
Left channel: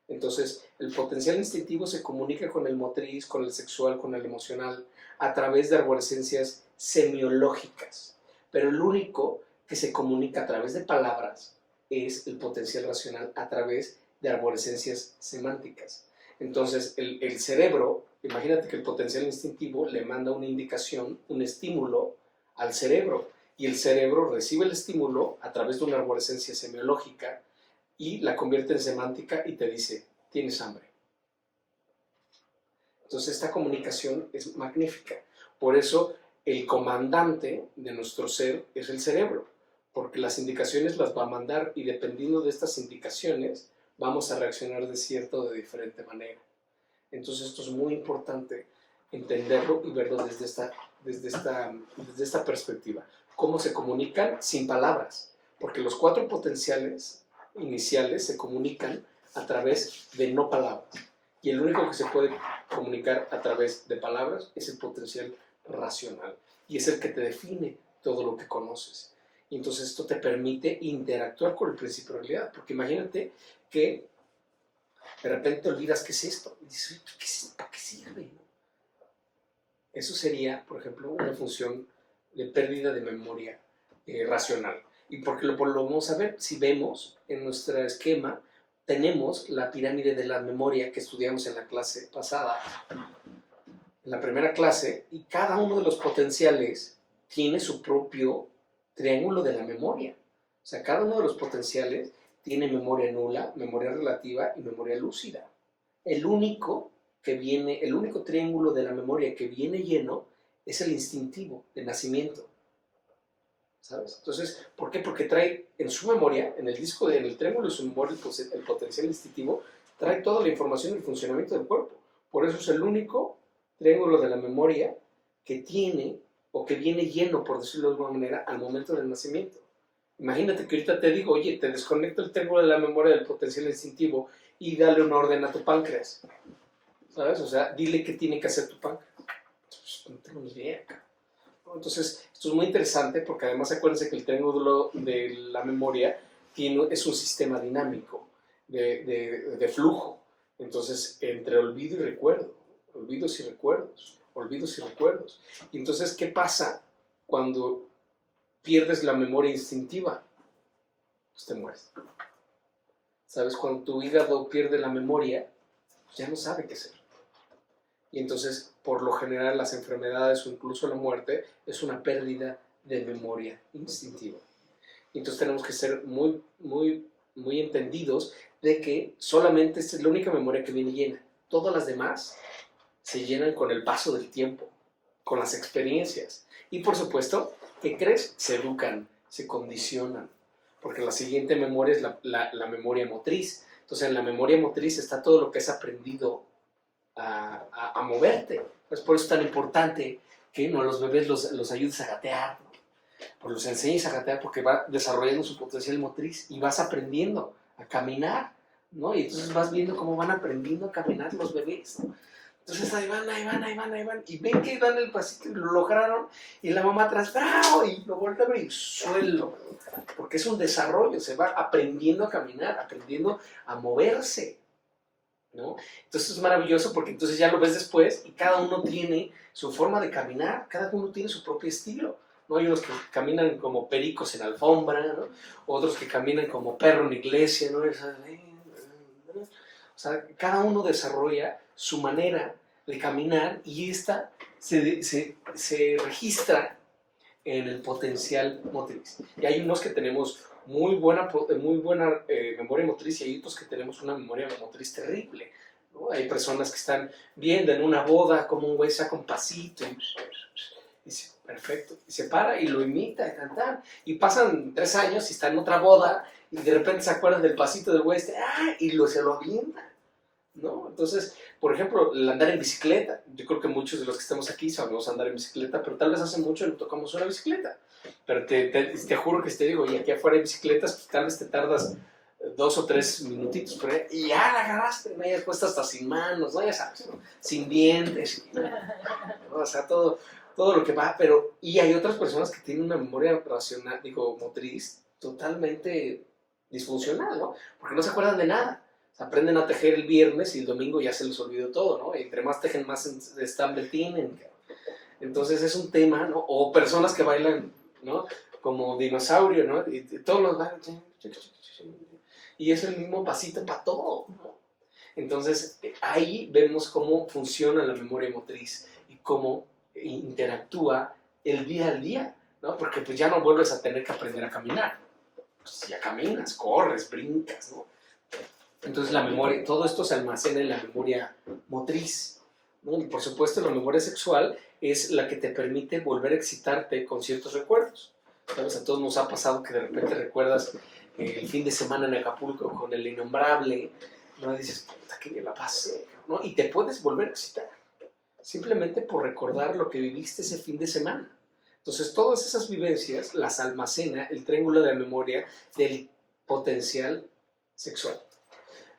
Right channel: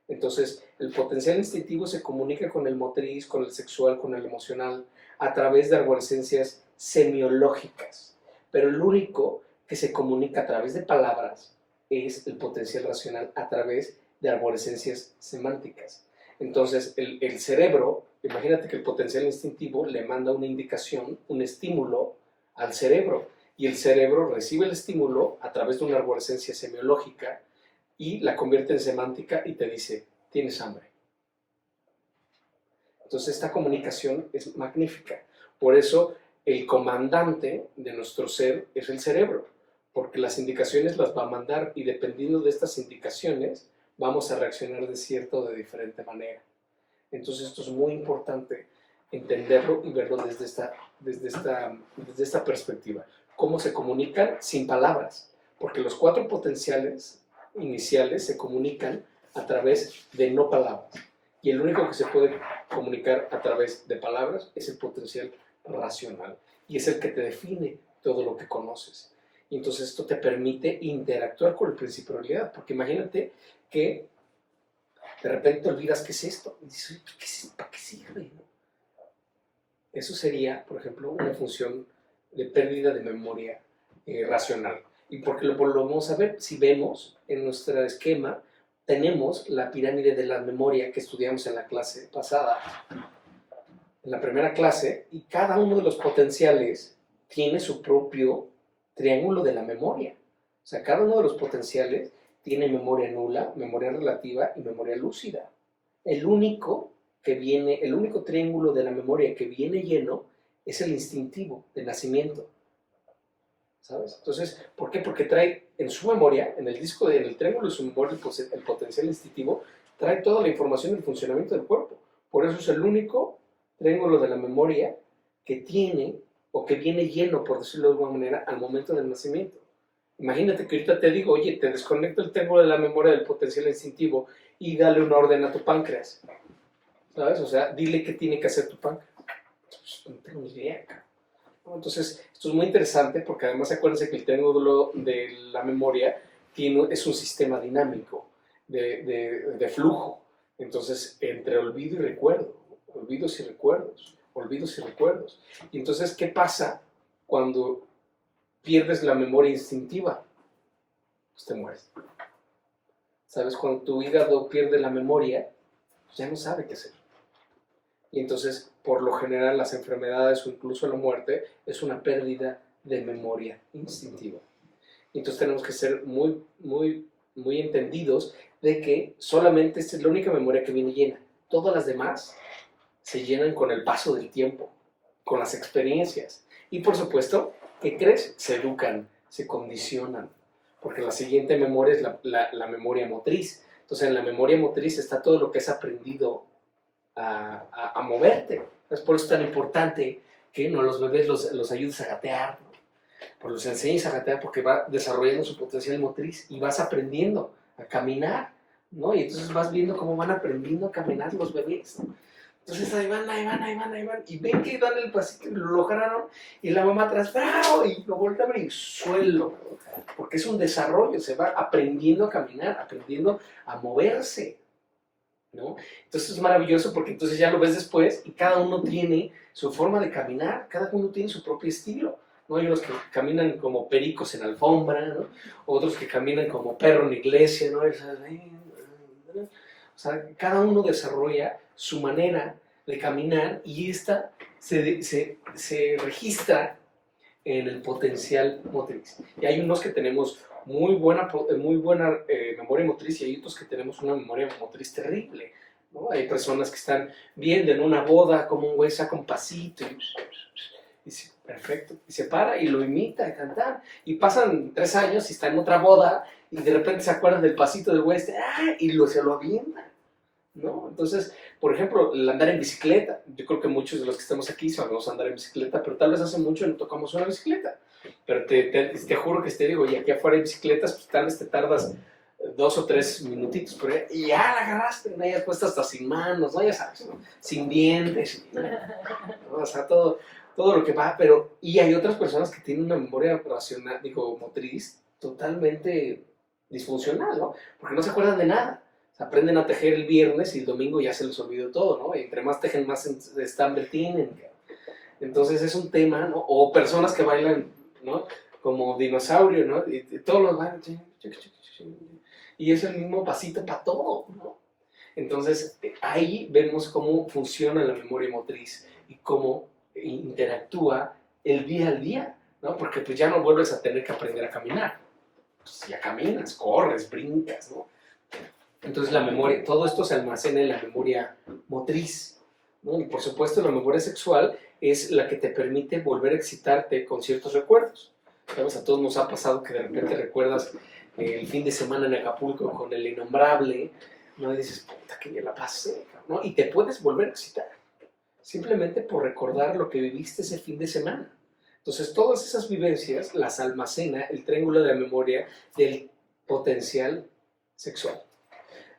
Entonces, el potencial instintivo se comunica con el motriz, con el sexual, con el emocional, a través de arborescencias semiológicas. Pero el único que se comunica a través de palabras es el potencial racional a través de arborescencias semánticas. Entonces, el cerebro, imagínate que el potencial instintivo le manda una indicación, un estímulo al cerebro, y el cerebro recibe el estímulo a través de una arborescencia semiológica y la convierte en semántica y te dice, tienes hambre. Entonces esta comunicación es magnífica. Por eso el comandante de nuestro ser es el cerebro, porque las indicaciones las va a mandar y dependiendo de estas indicaciones vamos a reaccionar de cierta o de diferente manera. Entonces esto es muy importante entenderlo y verlo desde esta perspectiva. ¿Cómo se comunican? Sin palabras, porque los 4 potenciales iniciales se comunican a través de no palabras. Y el único que se puede comunicar a través de palabras es el potencial racional. Y es el que te define todo lo que conoces. Y entonces esto te permite interactuar con el principio de realidad. Porque imagínate que de repente te olvidas qué es esto. Y dices, ¿para qué sirve? Eso sería, por ejemplo, una función de pérdida de memoria racional. Y porque lo vamos a ver, si vemos en nuestro esquema, tenemos la pirámide de la memoria que estudiamos en la clase pasada, en la primera clase, y cada uno de los potenciales tiene su propio triángulo de la memoria. O sea, cada uno de los potenciales tiene memoria nula, memoria relativa y memoria lúcida. El único triángulo de la memoria que viene lleno es el instintivo de nacimiento. ¿Sabes? Entonces, ¿por qué? Porque trae en su memoria, en el triángulo de su memoria, el potencial instintivo, trae toda la información del funcionamiento del cuerpo. Por eso es el único triángulo de la memoria que tiene o que viene lleno, por decirlo de alguna manera, al momento del nacimiento. Imagínate que ahorita te digo, oye, te desconecto el triángulo de la memoria del potencial instintivo y dale una orden a tu páncreas. ¿Sabes? O sea, dile qué tiene que hacer tu páncreas. Pues, no tengo ni idea, cara. Entonces, esto es muy interesante porque además acuérdense que el triángulo de la memoria es un sistema dinámico de flujo. Entonces, entre olvido y recuerdo, olvidos y recuerdos, olvidos y recuerdos. Y entonces, ¿qué pasa cuando pierdes la memoria instintiva? Pues te mueres. ¿Sabes? Cuando tu hígado pierde la memoria, pues ya no sabe qué hacer. Y entonces, por lo general, las enfermedades o incluso la muerte es una pérdida de memoria instintiva. Y entonces tenemos que ser muy, muy, muy entendidos de que solamente esta es la única memoria que viene llena. Todas las demás se llenan con el paso del tiempo, con las experiencias. Y por supuesto, ¿qué crees? Se educan, se condicionan. Porque la siguiente memoria es la memoria motriz. Entonces, en la memoria motriz está todo lo que has aprendido a moverte. Es por eso tan importante que los bebés los ayudes a gatear, ¿no? Pues los enseñes a gatear porque va desarrollando su potencial motriz y vas aprendiendo a caminar, ¿no? Y entonces vas viendo cómo van aprendiendo a caminar los bebés, ¿no? Entonces ahí van, y ven que dan el pasito y lo lograron, y la mamá atrás, ¡bravo! Y lo voltean y suelo, ¿no? Porque es un desarrollo, se va aprendiendo a caminar, aprendiendo a moverse, ¿no? Entonces es maravilloso porque entonces ya lo ves después y cada uno tiene su forma de caminar, cada uno tiene su propio estilo, ¿no? Hay unos que caminan como pericos en alfombra, ¿no? Otros que caminan como perro en iglesia, ¿no? O sea, cada uno desarrolla su manera de caminar y esta se registra en el potencial motriz. Y hay unos que tenemos muy buena memoria motriz y hay otros que tenemos una memoria motriz terrible, ¿no? Hay personas que están viendo en una boda como un güey saca un pasito y dice, perfecto, y se para y lo imita a cantar. Y pasan 3 años y está en otra boda y de repente se acuerdan del pasito del güey y se lo avienta, ¿no? Entonces, por ejemplo, el andar en bicicleta. Yo creo que muchos de los que estamos aquí sabemos andar en bicicleta, pero tal vez hace mucho no tocamos una bicicleta. Pero te juro que te digo, y aquí afuera hay bicicletas, pues tal vez te tardas 2 o 3 minutitos por ahí, y ya la agarraste, ¿no? Ya puesta hasta sin manos, ¿no? Ya sabes, ¿no? Sin dientes, ¿no? O sea, todo lo que va, pero... Y hay otras personas que tienen una memoria racional, motriz, totalmente disfuncional, ¿no? Porque no se acuerdan de nada. Aprenden a tejer el viernes y el domingo ya se les olvidó todo, ¿no? Y entre más tejen, más estambre tienen. Entonces es un tema, ¿no? O personas que bailan, ¿no? Como dinosaurio, ¿no? Y todos los bailan. Y es el mismo pasito para todo, ¿no? Entonces ahí vemos cómo funciona la memoria motriz y cómo interactúa el día al día, ¿no? Porque pues ya no vuelves a tener que aprender a caminar. Pues ya caminas, corres, brincas, ¿no? Entonces la memoria, todo esto se almacena en la memoria motriz, ¿no? Y por supuesto, la memoria sexual es la que te permite volver a excitarte con ciertos recuerdos. ¿Sabes? A todos nos ha pasado que de repente recuerdas el fin de semana en Acapulco con el innombrable, ¿no? Y dices, puta, que bien la pasé, ¿no? Y te puedes volver a excitar, simplemente por recordar lo que viviste ese fin de semana. Entonces, todas esas vivencias las almacena el triángulo de la memoria del potencial sexual,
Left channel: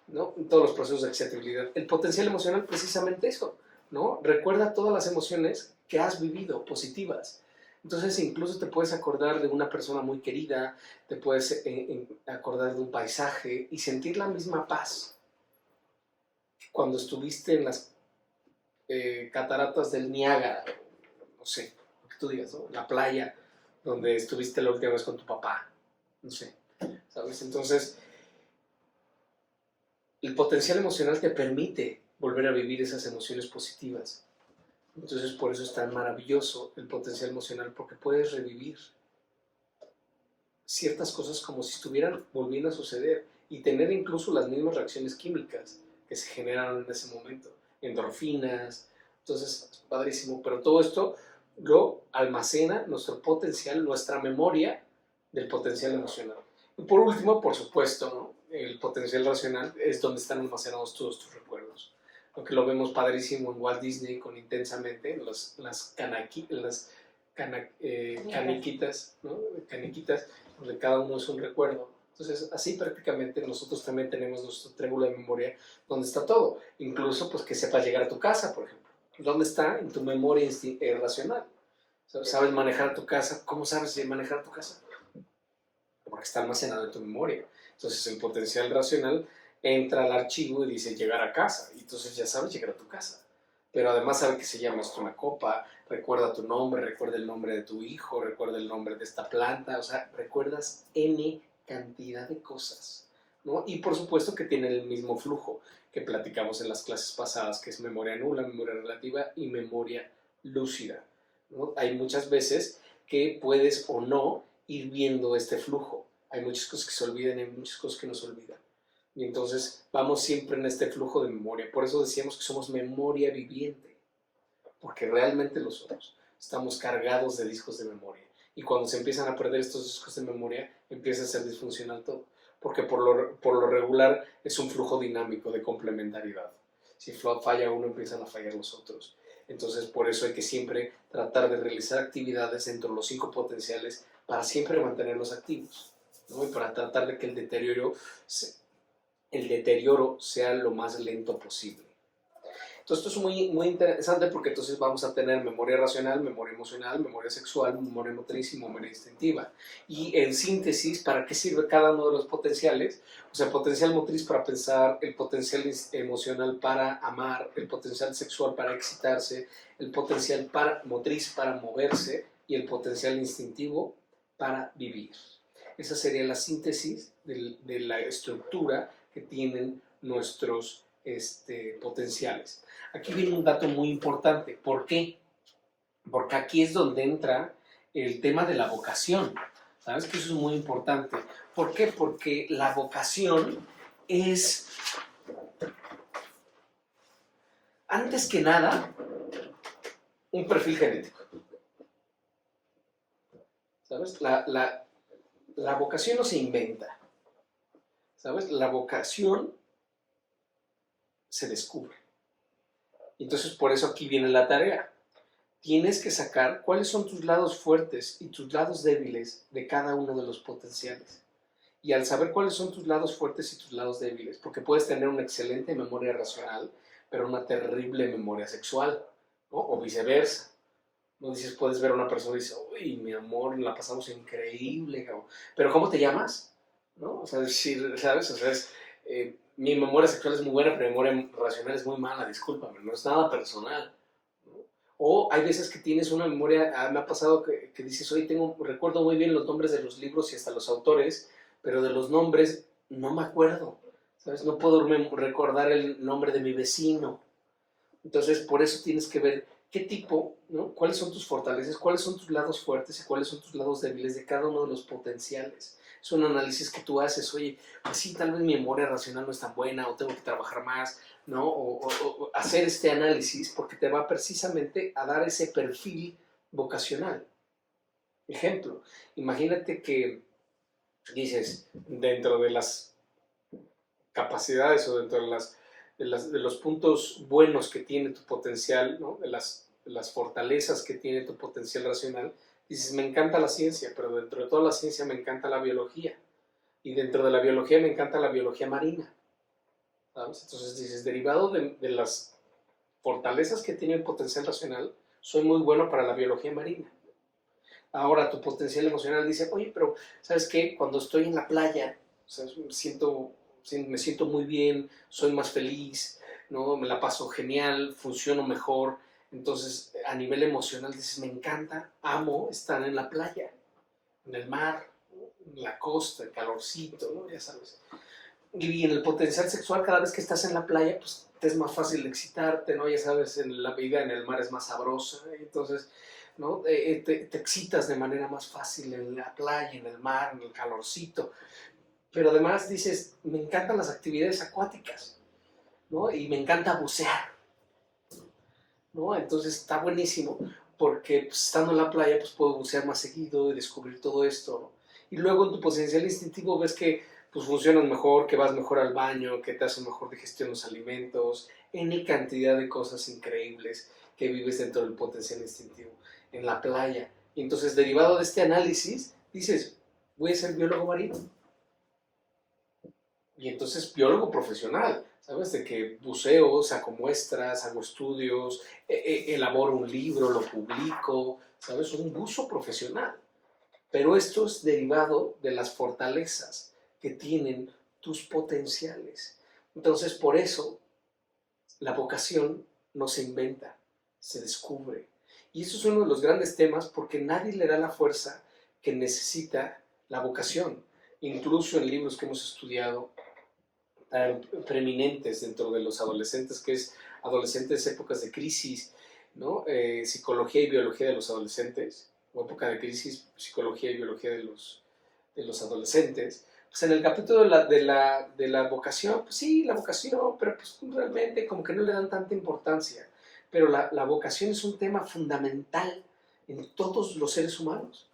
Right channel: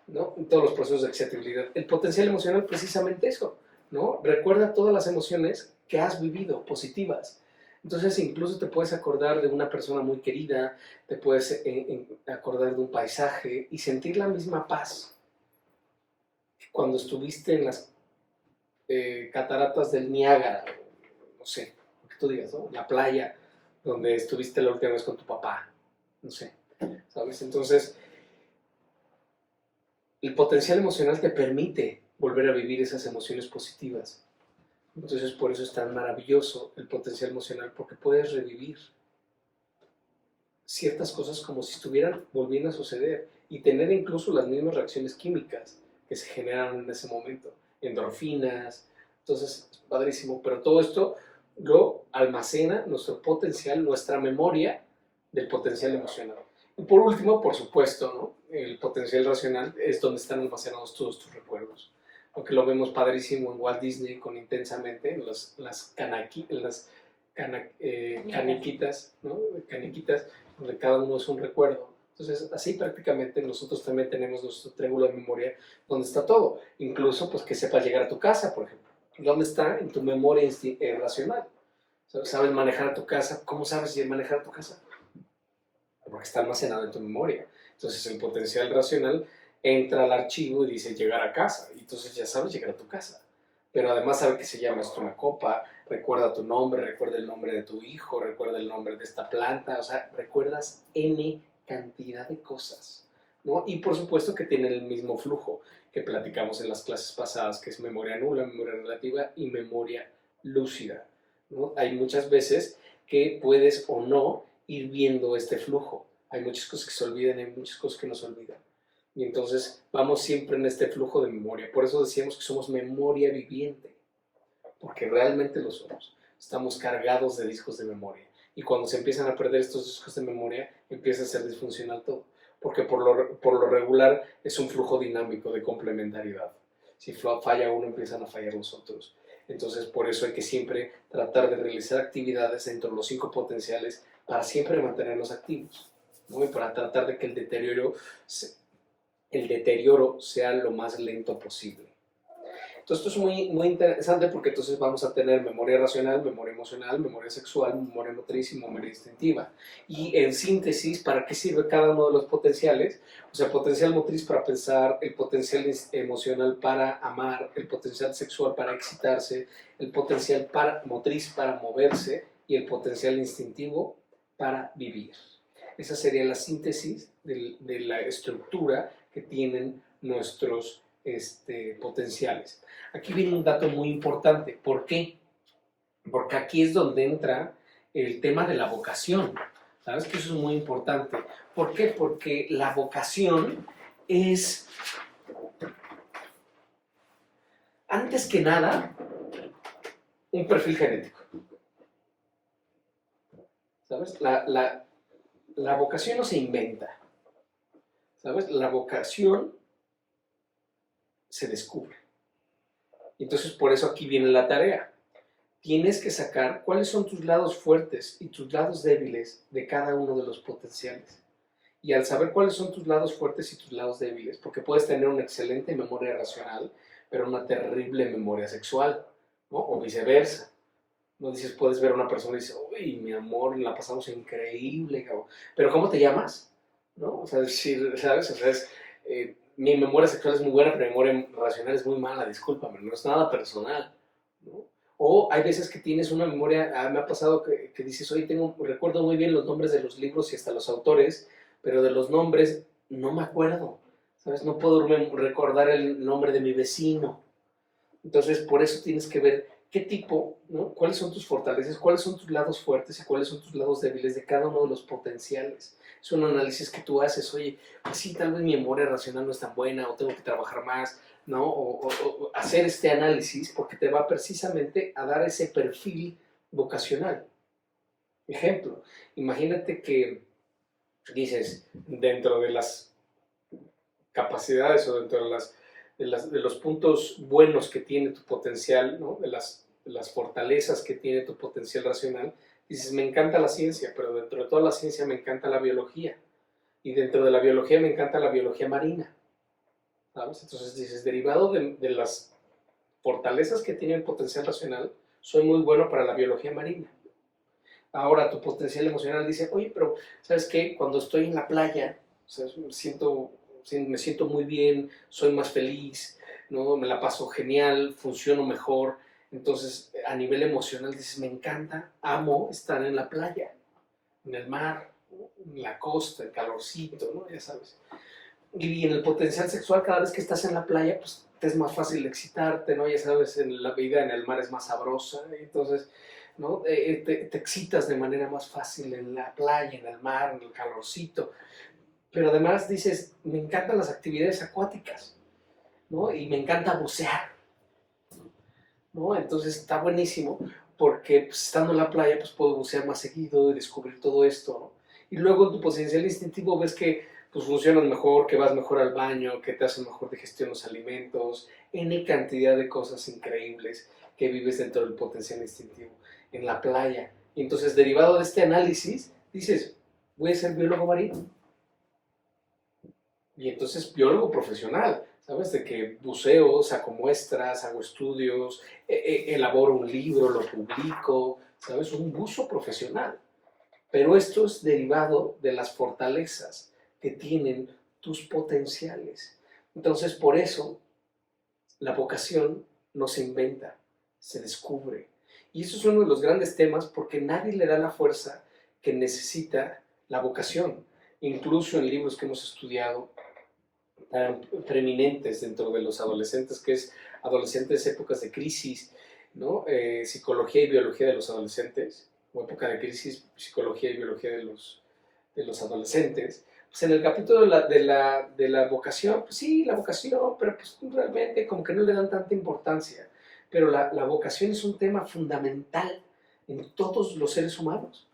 ¿no? En todos los procesos de excitabilidad. El potencial emocional, precisamente eso, ¿no? Recuerda todas las emociones que has vivido, positivas. Entonces, incluso te puedes acordar de una persona muy querida, te puedes acordar de un paisaje y sentir la misma paz cuando estuviste en las cataratas del Niágara, no sé, lo que tú digas, ¿no? La playa donde estuviste la última vez con tu papá, no sé, ¿sabes? Entonces, el potencial emocional te permite volver a vivir esas emociones positivas. Entonces, por eso es tan maravilloso el potencial emocional, porque puedes revivir ciertas cosas como si estuvieran volviendo a suceder y tener incluso las mismas reacciones químicas que se generaron en ese momento, endorfinas. Entonces, es padrísimo, pero todo esto lo almacena nuestro potencial, nuestra memoria del potencial emocional. Y por último, por supuesto, ¿no? El potencial racional es donde están almacenados todos tus recuerdos. Aunque lo vemos padrísimo en Walt Disney con Intensamente, en caniquitas, ¿no? Caniquitas, donde cada uno es un recuerdo. Entonces, así prácticamente nosotros también tenemos nuestro triángulo de memoria donde está todo. Incluso, pues, que sepas llegar a tu casa, por ejemplo. ¿Dónde está? En tu memoria racional. ¿Sabes manejar tu casa? ¿Cómo sabes manejar tu casa? Porque está almacenado en tu memoria. Entonces, el potencial racional entra al archivo y dice llegar a casa. Y entonces ya sabes llegar a tu casa. Pero además sabe que se llama esto una copa, recuerda tu nombre, recuerda el nombre de tu hijo, recuerda el nombre de esta planta, o sea, recuerdas N cantidad de cosas, ¿no? Y por supuesto que tiene el mismo flujo que platicamos en las clases pasadas, que es memoria nula, memoria relativa y memoria lúcida, ¿no? Hay muchas veces que puedes o no ir viendo este flujo. Hay muchas cosas que se olvidan y hay muchas cosas que no se olvidan. Y entonces vamos siempre en este flujo de memoria. Por eso decíamos que somos memoria viviente, porque realmente lo somos. Estamos cargados de discos de memoria. Y cuando se empiezan a perder estos discos de memoria, empieza a ser disfuncional todo. Porque por lo regular es un flujo dinámico de complementariedad. Si falla uno, empiezan a fallar los otros. Entonces, por eso hay que siempre tratar de realizar actividades dentro de los 5 potenciales para siempre mantenernos activos, ¿no? Y para tratar de que el deterioro sea lo más lento posible. Entonces, esto es muy interesante porque entonces vamos a tener memoria racional, memoria emocional, memoria sexual, memoria motriz y memoria instintiva. Y en síntesis, ¿para qué sirve cada uno de los potenciales? O sea, potencial motriz para pensar, el potencial emocional para amar, el potencial sexual para excitarse, el potencial motriz para moverse y el potencial instintivo para vivir. Esa sería la síntesis de la estructura que tienen nuestros potenciales. Aquí viene un dato muy importante. ¿Por qué? Porque aquí es donde entra el tema de la vocación. ¿Sabes que eso es muy importante? ¿Por qué? Porque la vocación es, antes que nada, un perfil genético. ¿Sabes? La vocación no se inventa. ¿Sabes? La vocación se descubre. Entonces, por eso aquí viene la tarea. Tienes que sacar cuáles son tus lados fuertes y tus lados débiles de cada uno de los potenciales. Y al saber cuáles son tus lados fuertes y tus lados débiles, porque puedes tener una excelente memoria racional, pero una terrible memoria sexual, ¿no? O viceversa. No dices, puedes ver a una persona y dices, uy, mi amor, la pasamos increíble, cabrón. Pero ¿cómo te llamas? ¿No? O sea, decir, ¿sabes? O sea, mi memoria sexual es muy buena, pero mi memoria racional es muy mala, discúlpame, no es nada personal, ¿no? O hay veces que tienes una memoria, me ha pasado que dices, oye, recuerdo muy bien los nombres de los libros y hasta los autores, pero de los nombres no me acuerdo, ¿sabes? No puedo recordar el nombre de mi vecino. Entonces, por eso tienes que ver qué tipo, ¿no? Cuáles son tus fortalezas, cuáles son tus lados fuertes y cuáles son tus lados débiles de cada uno de los potenciales. Es un análisis que tú haces, oye, pues sí, tal vez mi memoria racional no es tan buena o tengo que trabajar más, ¿no? O hacer este análisis porque te va precisamente a dar ese perfil vocacional. Ejemplo, imagínate que dices, dentro de las capacidades o dentro de los puntos buenos que tiene tu potencial, ¿no? de las fortalezas que tiene tu potencial racional, dices, me encanta la ciencia, pero dentro de toda la ciencia me encanta la biología. Y dentro de la biología me encanta la biología marina. ¿Sabes? Entonces dices, derivado de las fortalezas que tiene el potencial racional, soy muy bueno para la biología marina. Ahora tu potencial emocional dice, oye, pero ¿sabes qué? Cuando estoy en la playa, o sea, me siento muy bien, soy más feliz, ¿no? Me la paso genial, funciono mejor. Entonces, a nivel emocional dices, me encanta, amo estar en la playa, en el mar, en la costa, el calorcito, ¿no? Ya sabes. Y en el potencial sexual, cada vez que estás en la playa, pues te es más fácil excitarte, ¿no? Ya sabes, en la vida en el mar es más sabrosa, entonces, ¿no? Te excitas de manera más fácil en la playa, en el mar, en el calorcito. Pero además dices, me encantan las actividades acuáticas, ¿no? Y me encanta bucear, ¿no? Entonces está buenísimo porque pues, estando en la playa pues puedo bucear más seguido y descubrir todo esto, ¿no? Y luego en tu potencial instintivo ves que pues funcionas mejor, que vas mejor al baño, que te hacen mejor digestión los alimentos, N cantidad de cosas increíbles que vives dentro del potencial instintivo, en la playa. Y entonces derivado de este análisis dices, voy a ser biólogo marino. Y entonces biólogo profesional, ¿sabes? De que buceo, saco muestras, hago estudios, elaboro un libro, lo publico, ¿sabes? Un buzo profesional. Pero esto es derivado de las fortalezas que tienen tus potenciales. Entonces, por eso, la vocación no se inventa, se descubre. Y eso es uno de los grandes temas porque nadie le da la fuerza que necesita la vocación. Incluso en libros que hemos estudiado, tan preeminentes dentro de los adolescentes, que es adolescentes épocas de crisis, ¿no? Psicología y biología de los adolescentes, o época de crisis, psicología y biología de los adolescentes. Pues en el capítulo de la vocación, pues sí, la vocación, pero pues realmente como que no le dan tanta importancia. Pero la vocación es un tema fundamental en todos los seres humanos,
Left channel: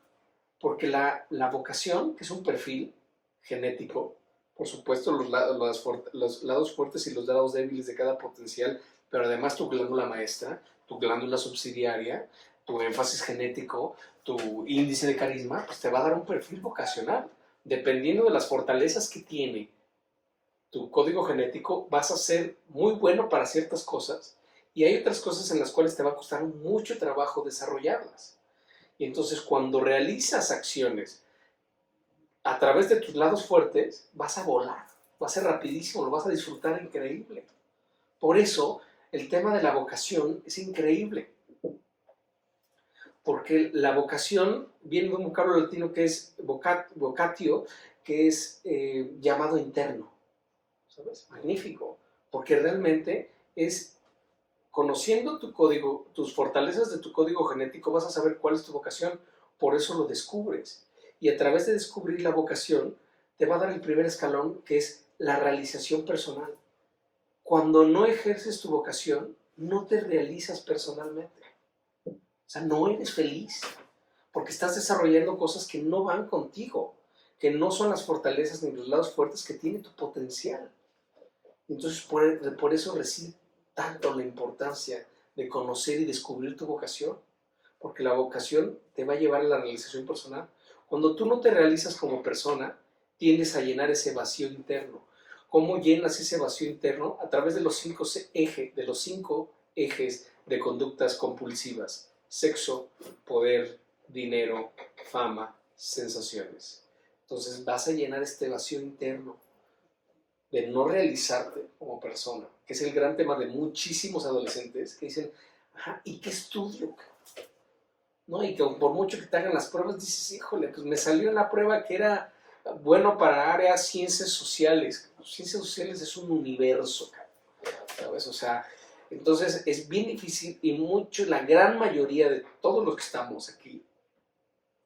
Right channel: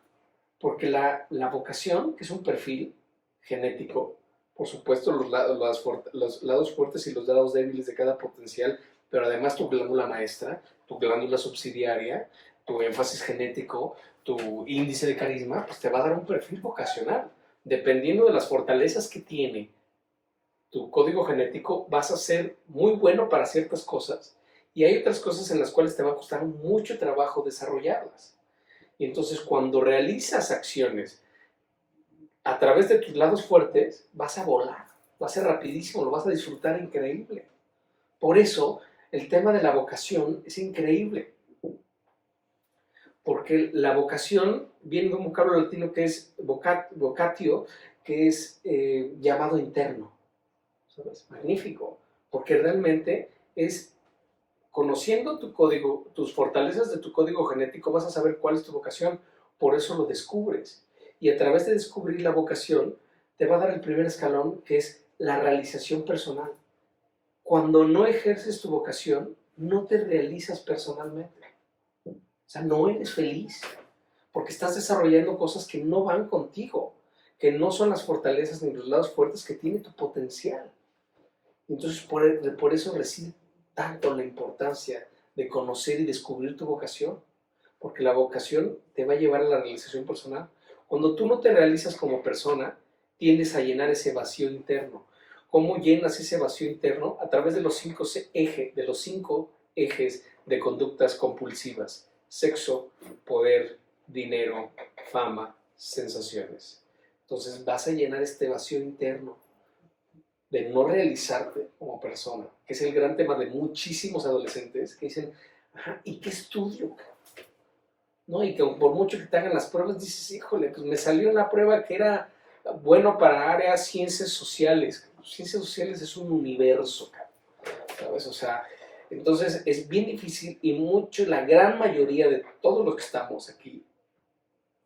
porque la vocación, que es un perfil genético, por supuesto, los lados fuertes y los lados débiles de cada potencial, pero además tu glándula maestra, tu glándula subsidiaria, tu énfasis genético, tu índice de carisma, pues te va a dar un perfil vocacional. Dependiendo de las fortalezas que tiene tu código genético, vas a ser muy bueno para ciertas cosas y hay otras cosas en las cuales te va a costar mucho trabajo desarrollarlas. Y entonces cuando realizas acciones a través de tus lados fuertes, vas a volar, va a ser rapidísimo, lo vas a disfrutar increíble. Por eso, el tema de la vocación es increíble, porque la vocación viene de un vocablo latino que es vocatio, que es llamado interno. ¿Sabes? Magnífico, porque realmente es conociendo tu código, tus fortalezas de tu código genético, vas a saber cuál es tu vocación, por eso lo descubres. Y a través de descubrir la vocación, te va a dar el primer escalón, que es la realización personal. Cuando no ejerces tu vocación, no te realizas personalmente. O sea, no eres feliz, porque estás desarrollando cosas que no van contigo, que no son las fortalezas ni los lados fuertes que tiene tu potencial. Entonces, por eso reside tanto la importancia de conocer y descubrir tu vocación, porque la vocación te va a llevar a la realización personal. Cuando tú no te realizas como persona, tiendes a llenar ese vacío interno. ¿Cómo llenas ese vacío interno? A través de los cinco ejes de conductas compulsivas: sexo, poder, dinero, fama, sensaciones. Entonces vas a llenar este vacío interno de no realizarte como persona, que es el gran tema de muchísimos adolescentes que dicen, ajá, ¿y qué estudio? ¿No? Y que por mucho que te hagan las pruebas, dices, híjole, pues me salió en la prueba que era bueno para áreas ciencias sociales. Ciencias sociales es un universo, ¿sabes? O sea, entonces es bien difícil y la gran mayoría de todos los que estamos aquí,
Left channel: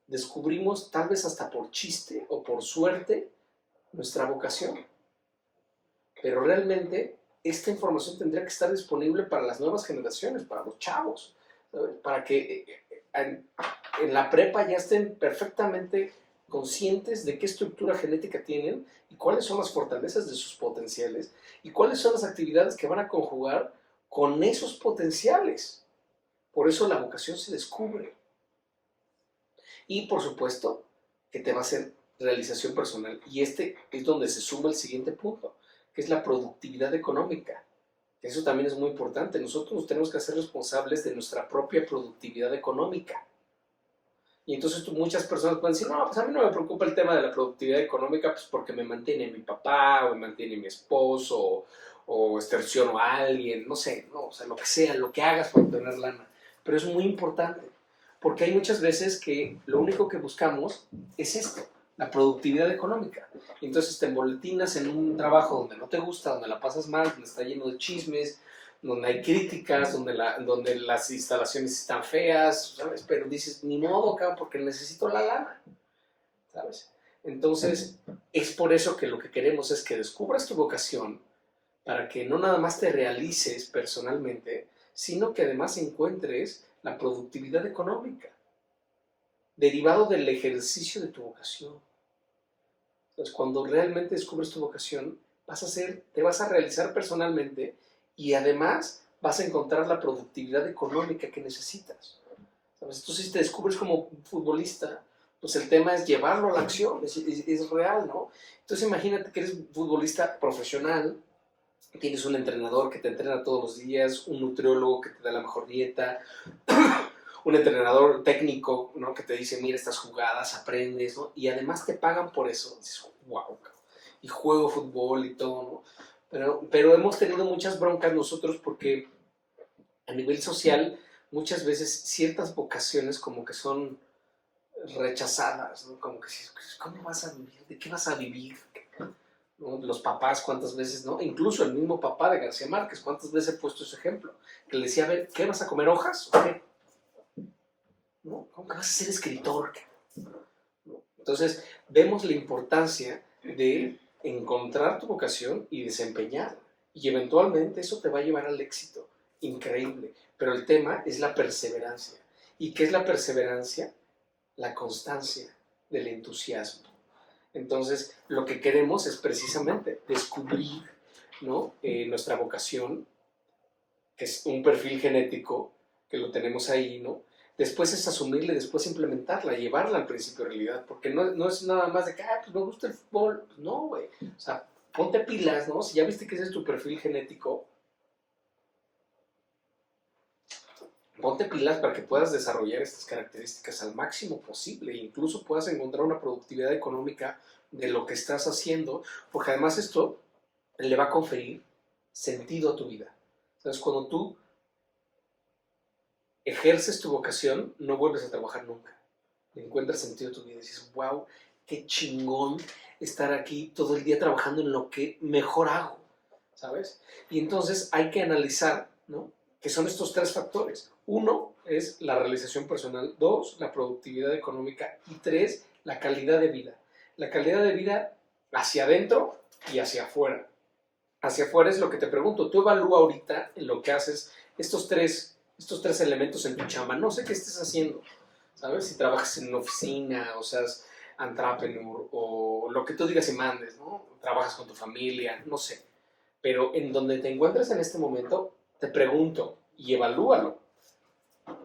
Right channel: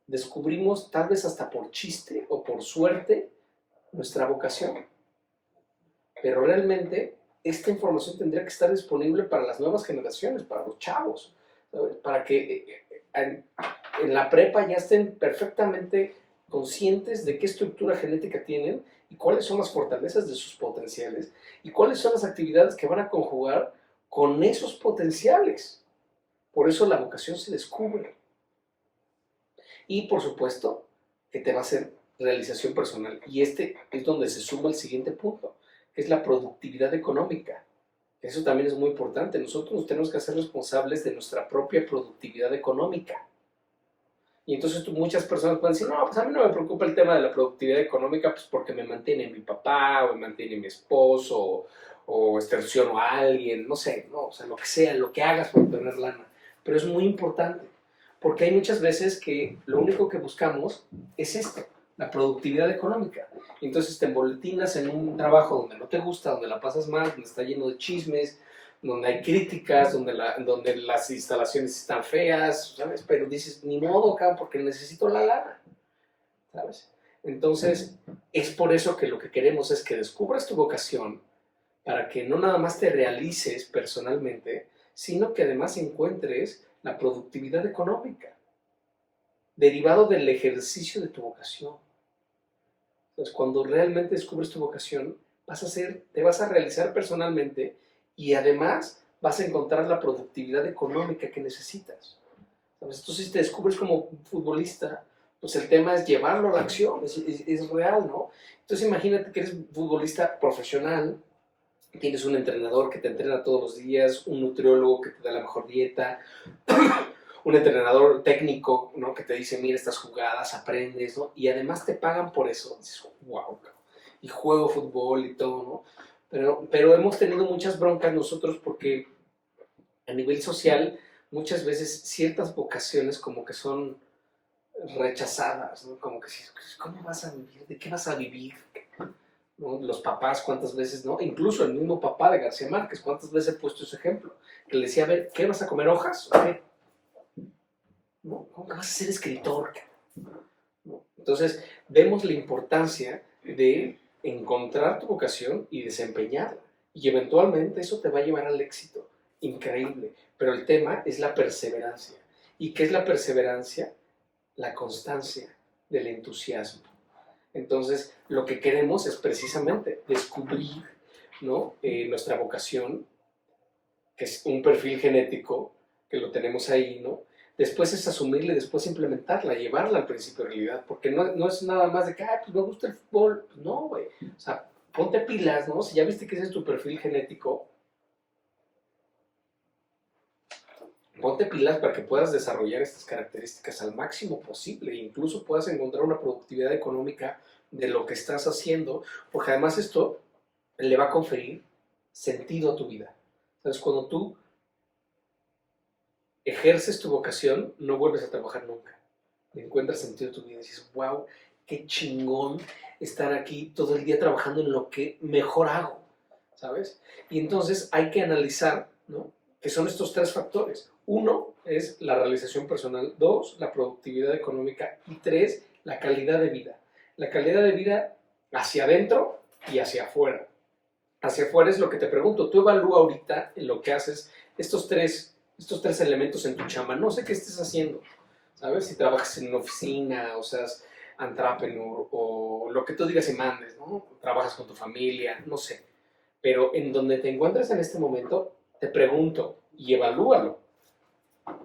descubrimos tal vez hasta por chiste o por suerte nuestra vocación. Pero realmente esta información tendría que estar disponible para las nuevas generaciones, para los chavos, ¿sabes? Para que en la prepa ya estén perfectamente conscientes de qué estructura genética tienen y cuáles son las fortalezas de sus potenciales y cuáles son las actividades que van a conjugar con esos potenciales. Por eso la vocación se descubre. Y por supuesto que te va a hacer realización personal. Y este es donde se suma el siguiente punto, que es la productividad económica. Eso también es muy importante. Nosotros nos tenemos que hacer responsables de nuestra propia productividad económica. Y entonces muchas personas pueden decir, no, pues a mí no me preocupa el tema de la productividad económica, pues porque me mantiene mi papá, o me mantiene mi esposo, o extorsiono a alguien, no sé, no, o sea, lo que sea, lo que hagas para obtener lana. Pero es muy importante, porque hay muchas veces que lo único que buscamos es esto, la productividad económica. Y entonces te embolatinas en un trabajo donde no te gusta, donde la pasas mal, donde está lleno de chismes, donde hay críticas, donde las instalaciones están feas, ¿sabes? Pero dices, ni modo, cabrón, porque necesito la lana, ¿sabes? Entonces, es por eso que lo que queremos es que descubras tu vocación para que no nada más te realices personalmente, sino que además encuentres la productividad económica derivado del ejercicio de tu vocación. Entonces, cuando realmente descubres tu vocación, te vas a realizar personalmente y además vas a encontrar la productividad económica que necesitas. ¿Sabes? Entonces, si te descubres como futbolista, pues el tema es llevarlo a la acción, es real, ¿no? Entonces, imagínate que eres futbolista profesional, tienes un entrenador que te entrena todos los días, un nutriólogo que te da la mejor dieta, un entrenador técnico, ¿no? Que te dice, mira estas jugadas, aprendes, ¿no? Y además te pagan por eso. Dices, wow, y juego fútbol y todo, ¿no? Pero hemos tenido muchas broncas nosotros porque a nivel social muchas veces ciertas vocaciones como que son rechazadas, ¿no? Como que, ¿cómo vas a vivir? ¿De qué vas a vivir? ¿No? Los papás, ¿cuántas veces, no? Incluso el mismo papá de García Márquez, ¿cuántas veces he puesto ese ejemplo? Que le decía, a ver, ¿qué vas a comer, hojas? ¿Qué? ¿No? ¿Cómo que vas a ser escritor? ¿No? Entonces, vemos la importancia de encontrar tu vocación y desempeñarla. Y eventualmente eso te va a llevar al éxito. Increíble. Pero el tema es la perseverancia. ¿Y qué es la perseverancia? La constancia del entusiasmo. Entonces, lo que queremos es precisamente descubrir, ¿no? Nuestra vocación, que es un perfil genético, que lo tenemos ahí, ¿no? Después es asumirla y después implementarla, llevarla al principio de realidad, porque no es nada más de que, pues me gusta el fútbol. Pues no, güey. O sea, ponte pilas, ¿no? Si ya viste que ese es tu perfil genético, ponte pilas para que puedas desarrollar estas características al máximo posible e incluso puedas encontrar una productividad económica de lo que estás haciendo, porque además esto le va a conferir sentido a tu vida. ¿Sabes? Cuando tú ejerces tu vocación, no vuelves a trabajar nunca. Le encuentras sentido a tu vida y dices, wow, qué chingón estar aquí todo el día trabajando en lo que mejor hago, ¿sabes? Y entonces hay que analizar, ¿no? Que son estos tres factores. Uno es la realización personal, dos, la productividad económica y tres, la calidad de vida. La calidad de vida hacia adentro y hacia afuera. Hacia afuera es lo que te pregunto. Tú evalúa ahorita en lo que haces estos tres elementos en tu chamba. No sé qué estés haciendo, ¿sabes? Si trabajas en una oficina, o seas entrepreneur, o lo que tú digas y mandes, ¿no? Trabajas con tu familia, no sé. Pero en donde te encuentres en este momento, te pregunto y evalúalo.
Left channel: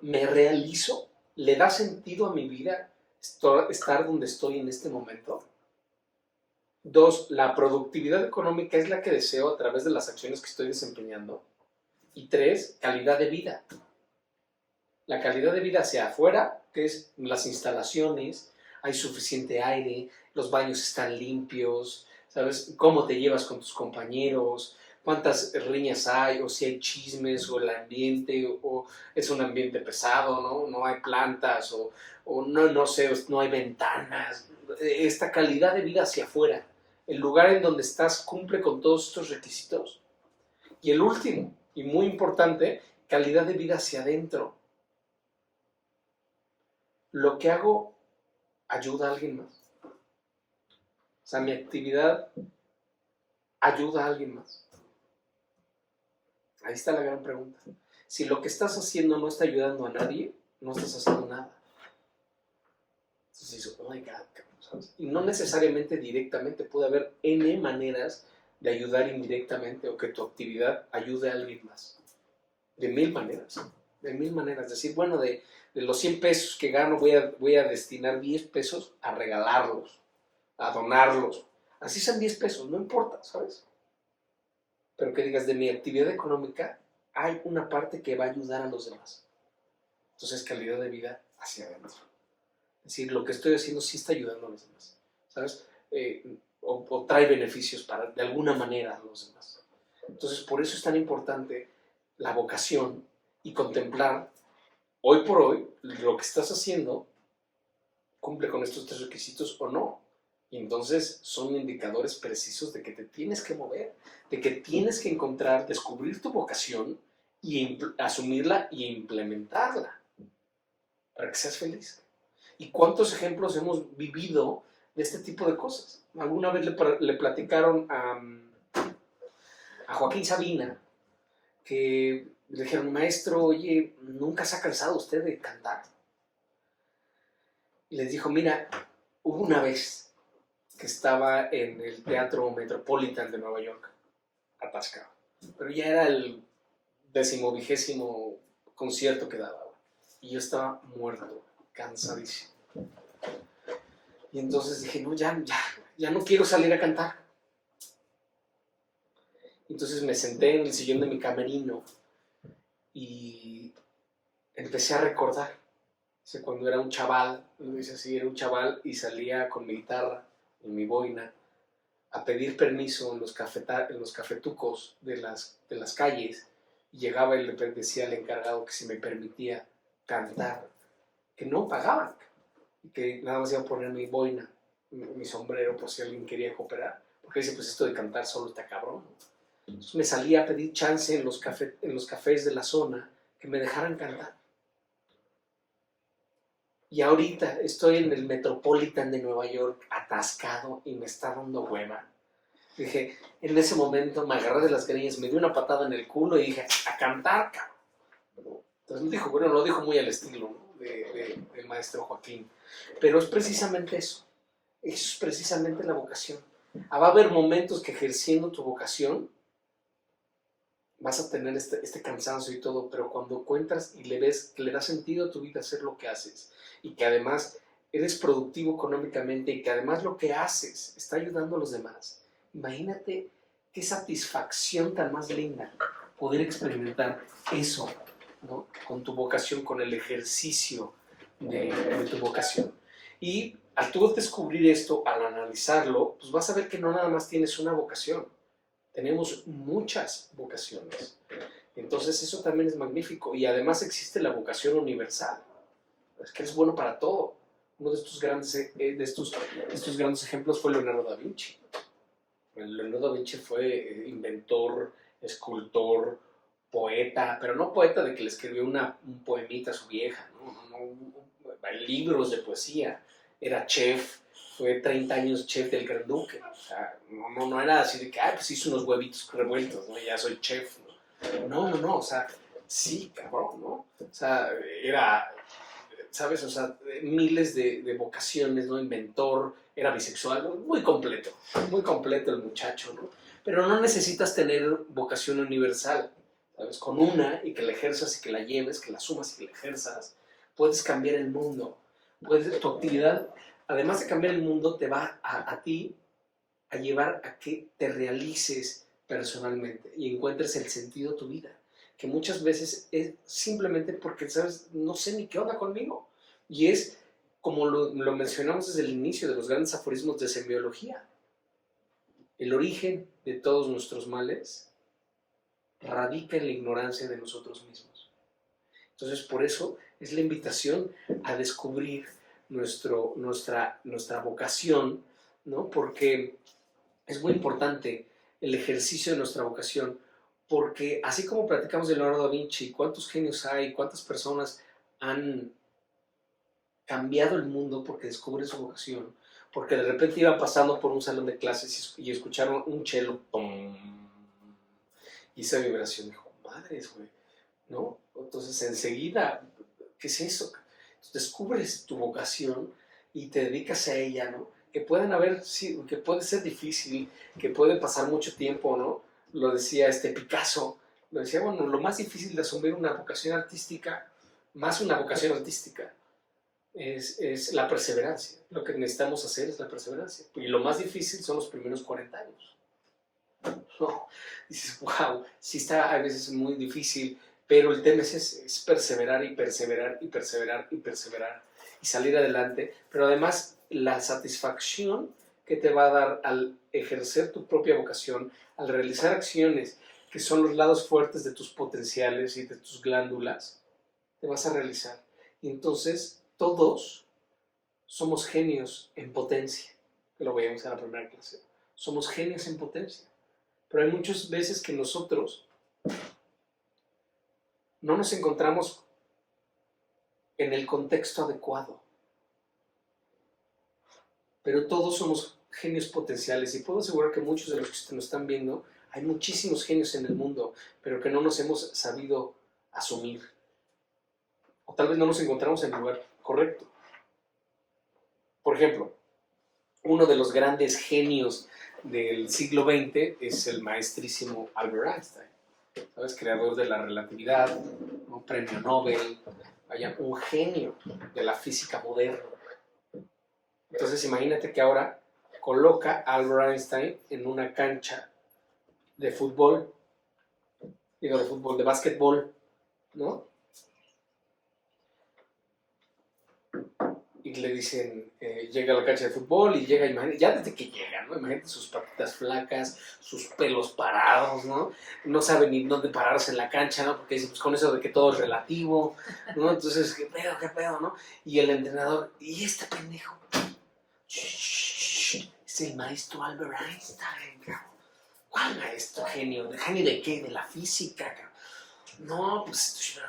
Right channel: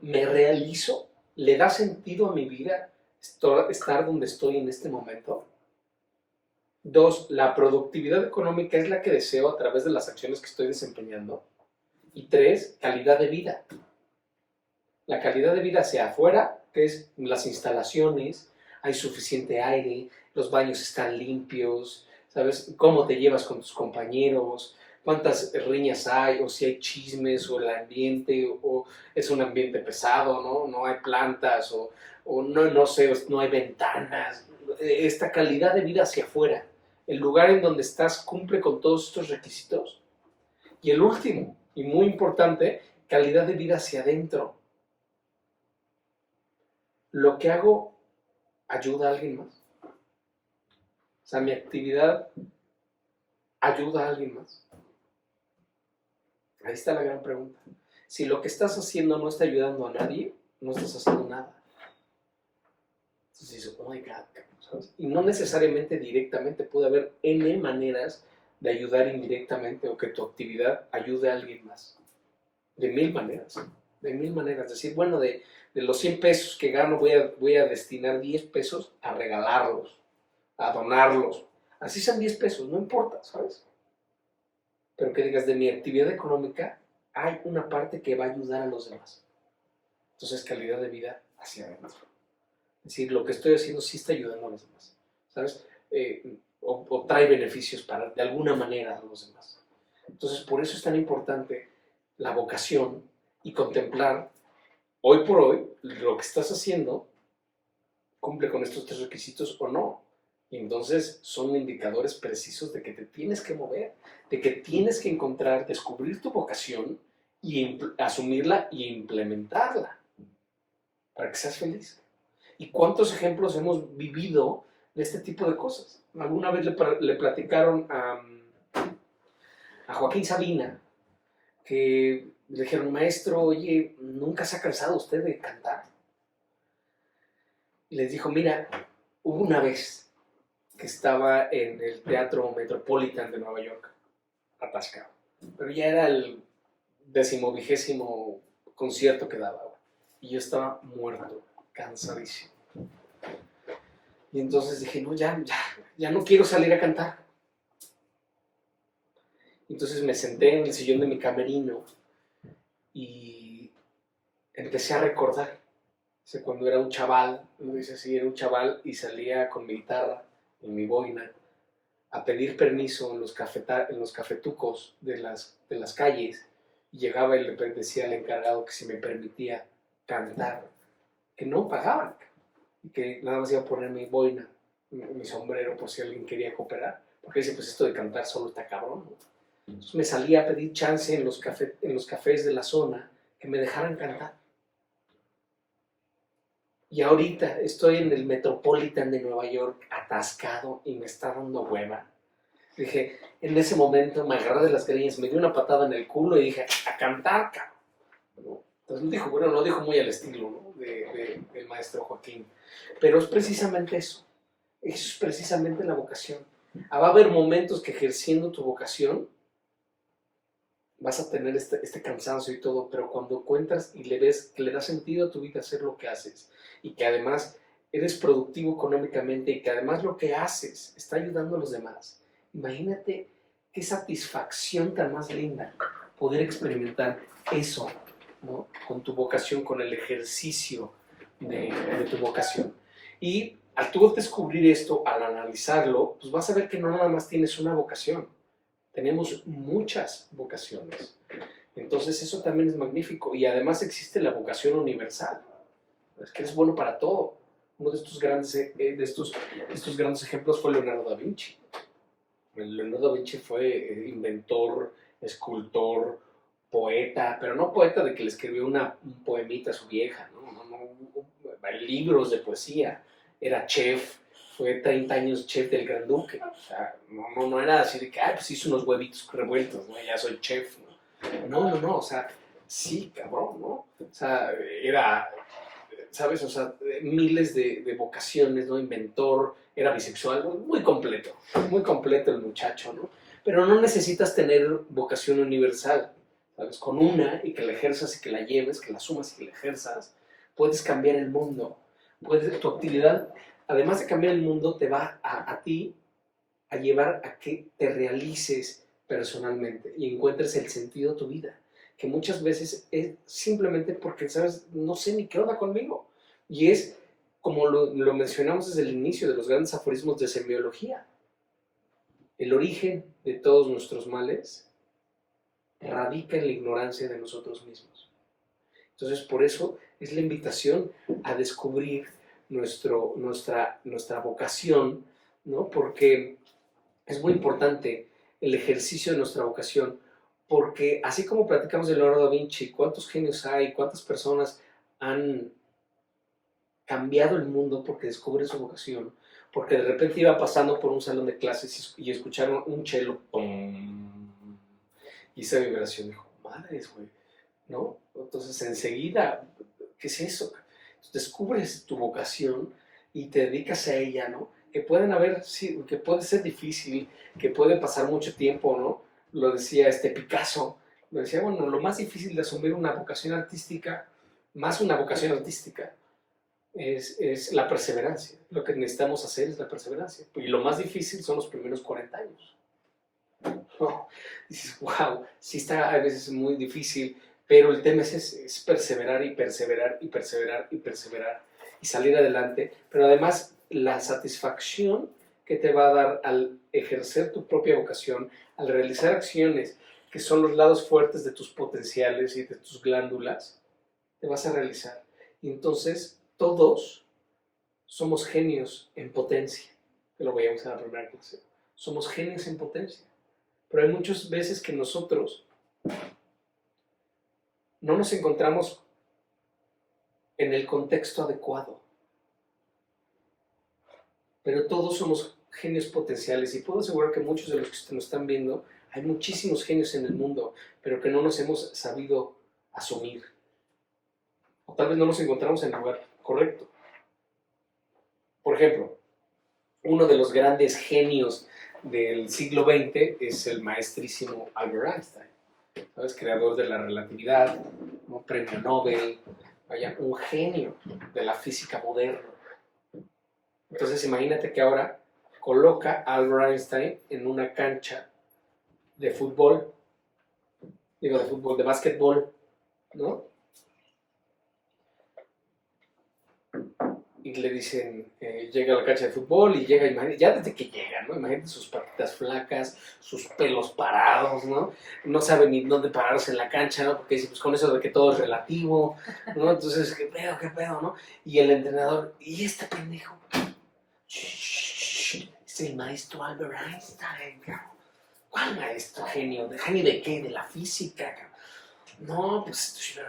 ¿Me realizo? ¿Le da sentido a mi vida estar donde estoy en este momento? Dos, la productividad económica es la que deseo a través de las acciones que estoy desempeñando. Y tres, calidad de vida. La calidad de vida hacia afuera, que es las instalaciones, hay suficiente aire, los baños están limpios, ¿sabes? Cómo te llevas con tus compañeros, cuántas riñas hay, o si hay chismes, o el ambiente, o es un ambiente pesado, ¿no? No hay plantas, o no sé, no hay ventanas. Esta calidad de vida hacia afuera. El lugar en donde estás cumple con todos estos requisitos. Y el último, y muy importante, calidad de vida hacia adentro. ¿Lo que hago ayuda a alguien más? O sea, mi actividad ayuda a alguien más. Ahí está la gran pregunta. Si lo que estás haciendo no está ayudando a nadie, no estás haciendo nada. Entonces dices, oh my God, ¿sabes? Y no necesariamente directamente, puede haber N maneras de ayudar indirectamente o que tu actividad ayude a alguien más. De mil maneras. De mil maneras. Es decir, bueno, de los 100 pesos que gano voy a destinar 10 pesos a regalarlos, a donarlos. Así sean 10 pesos, no importa, ¿sabes? Pero que digas, de mi actividad económica hay una parte que va a ayudar a los demás. Entonces, calidad de vida hacia adentro. Es decir, lo que estoy haciendo sí está ayudando a los demás, ¿sabes? O trae beneficios de alguna manera a los demás. Entonces, por eso es tan importante la vocación y contemplar, hoy por hoy, lo que estás haciendo cumple con estos 3 requisitos o no. Y entonces son indicadores precisos de que te tienes que mover, de que tienes que encontrar, descubrir tu vocación y asumirla y implementarla para que seas feliz. ¿Y cuántos ejemplos hemos vivido de este tipo de cosas? Alguna vez le platicaron a Joaquín Sabina que le dijeron, maestro, oye, ¿nunca se ha cansado usted de cantar? Y les dijo, mira, hubo una vez que estaba en el Teatro Metropolitan de Nueva York, atascado, pero ya era el 10º concierto que daba, y yo estaba muerto, cansadísimo. Y entonces dije, no, ya no quiero salir a cantar. Entonces me senté en el sillón de mi camerino y empecé a recordar. Cuando era un chaval, era un chaval y salía con mi guitarra y mi boina a pedir permiso en los cafetucos de las calles, y llegaba y le decía al encargado que si me permitía cantar, que no pagaban, y que nada más iba a poner mi boina, mi sombrero, por si alguien quería cooperar, porque dice, pues esto de cantar solo está cabrón, ¿no? Entonces me salía a pedir chance en los cafés de la zona que me dejaran cantar. Y ahorita estoy en el Metropolitan de Nueva York atascado y me está dando hueva. Dije, en ese momento me agarré de las greñas, me dio una patada en el culo y dije, a cantar, cabrón. Entonces lo dijo muy al estilo, ¿no? del maestro Joaquín. Pero es precisamente eso. Eso es precisamente la vocación. Va a haber momentos que ejerciendo tu vocación vas a tener este cansancio y todo, pero cuando encuentras y le ves que le da sentido a tu vida hacer lo que haces y que además eres productivo económicamente y que además lo que haces está ayudando a los demás, imagínate qué satisfacción tan más linda poder experimentar eso, ¿no? Con tu vocación, con el ejercicio de tu vocación. Y al tú descubrir esto, al analizarlo, pues vas a ver que no nada más tienes una vocación. Tenemos muchas vocaciones. Entonces eso también es magnífico. Y además existe la vocación universal. Es que eres bueno para todo. Uno de estos grandes ejemplos fue Leonardo da Vinci. Leonardo da Vinci fue inventor, escultor, poeta, pero no poeta de que le escribió un poemita a su vieja, no, libros de poesía. Era chef, fue 30 años chef del Gran Duque. O sea, no era así de que, pues hice unos huevitos revueltos, ¿no? Ya soy chef, ¿no? No, o sea, sí, cabrón, ¿no? O sea, era, ¿sabes? O sea, miles de vocaciones, ¿no? Inventor, era bisexual, muy completo el muchacho, ¿no? Pero no necesitas tener vocación universal, ¿sabes? Con una, y que la ejerzas y que la lleves, que la sumas y que la ejerzas, puedes cambiar el mundo. Tu actividad, además de cambiar el mundo, te va a ti a llevar a que te realices personalmente y encuentres el sentido de tu vida, que muchas veces es simplemente porque, ¿sabes? No sé ni qué onda conmigo. Y es como lo mencionamos desde el inicio de los grandes aforismos de semiología. El origen de todos nuestros males radica en la ignorancia de nosotros mismos. Entonces, por eso es la invitación a descubrir nuestra vocación, ¿no? Porque es muy importante el ejercicio de nuestra vocación, porque así como platicamos de Leonardo da Vinci, cuántos genios hay, cuántas personas han cambiado el mundo porque descubren su vocación, porque de repente iba pasando por un salón de clases y escucharon un cello, ¡pum! Y esa vibración dijo, madres, güey, ¿no? Entonces enseguida, ¿qué es eso? Descubres tu vocación y te dedicas a ella, ¿no? Que pueden haber, sí, que puede ser difícil, que puede pasar mucho tiempo, ¿no? Lo decía Picasso, lo decía, bueno, lo más difícil de asumir una vocación artística, más una vocación artística, es la perseverancia. Lo que necesitamos hacer es la perseverancia. Y lo más difícil son los primeros 40 años. ¿No? Dices, wow, sí está a veces muy difícil, pero el tema es perseverar y perseverar y perseverar y perseverar y salir adelante, pero además la satisfacción que te va a dar al ejercer tu propia vocación, al realizar acciones que son los lados fuertes de tus potenciales y de tus glándulas, te vas a realizar. Y entonces todos somos genios en potencia, que lo veíamos en la primera clase. Somos genios en potencia. Pero hay muchas veces que nosotros no nos encontramos en el contexto adecuado. Pero todos somos genios potenciales y puedo asegurar que muchos de los que nos están viendo, hay muchísimos genios en el mundo, pero que no nos hemos sabido asumir. O tal vez no nos encontramos en el lugar correcto. Por ejemplo, uno de los grandes genios del siglo XX es el maestrísimo Albert Einstein, ¿sabes? Creador de la relatividad, ¿no? Premio Nobel, vaya, un genio de la física moderna. Entonces imagínate que ahora coloca a Albert Einstein en una cancha de fútbol, de básquetbol, ¿no? Y le dicen, llega a la cancha de fútbol y llega, imagínate, ya desde que llega, ¿no? Imagínate sus patitas flacas, sus pelos parados, ¿no? No sabe ni dónde pararse en la cancha, ¿no? Porque dice, pues con eso de que todo es relativo, ¿no? Entonces, ¿qué pedo, no? Y el entrenador, ¿y este pendejo? Es el maestro Albert Einstein, cabrón. ¿Cuál maestro? ¿Genio de qué? De la física, cabrón. No, pues,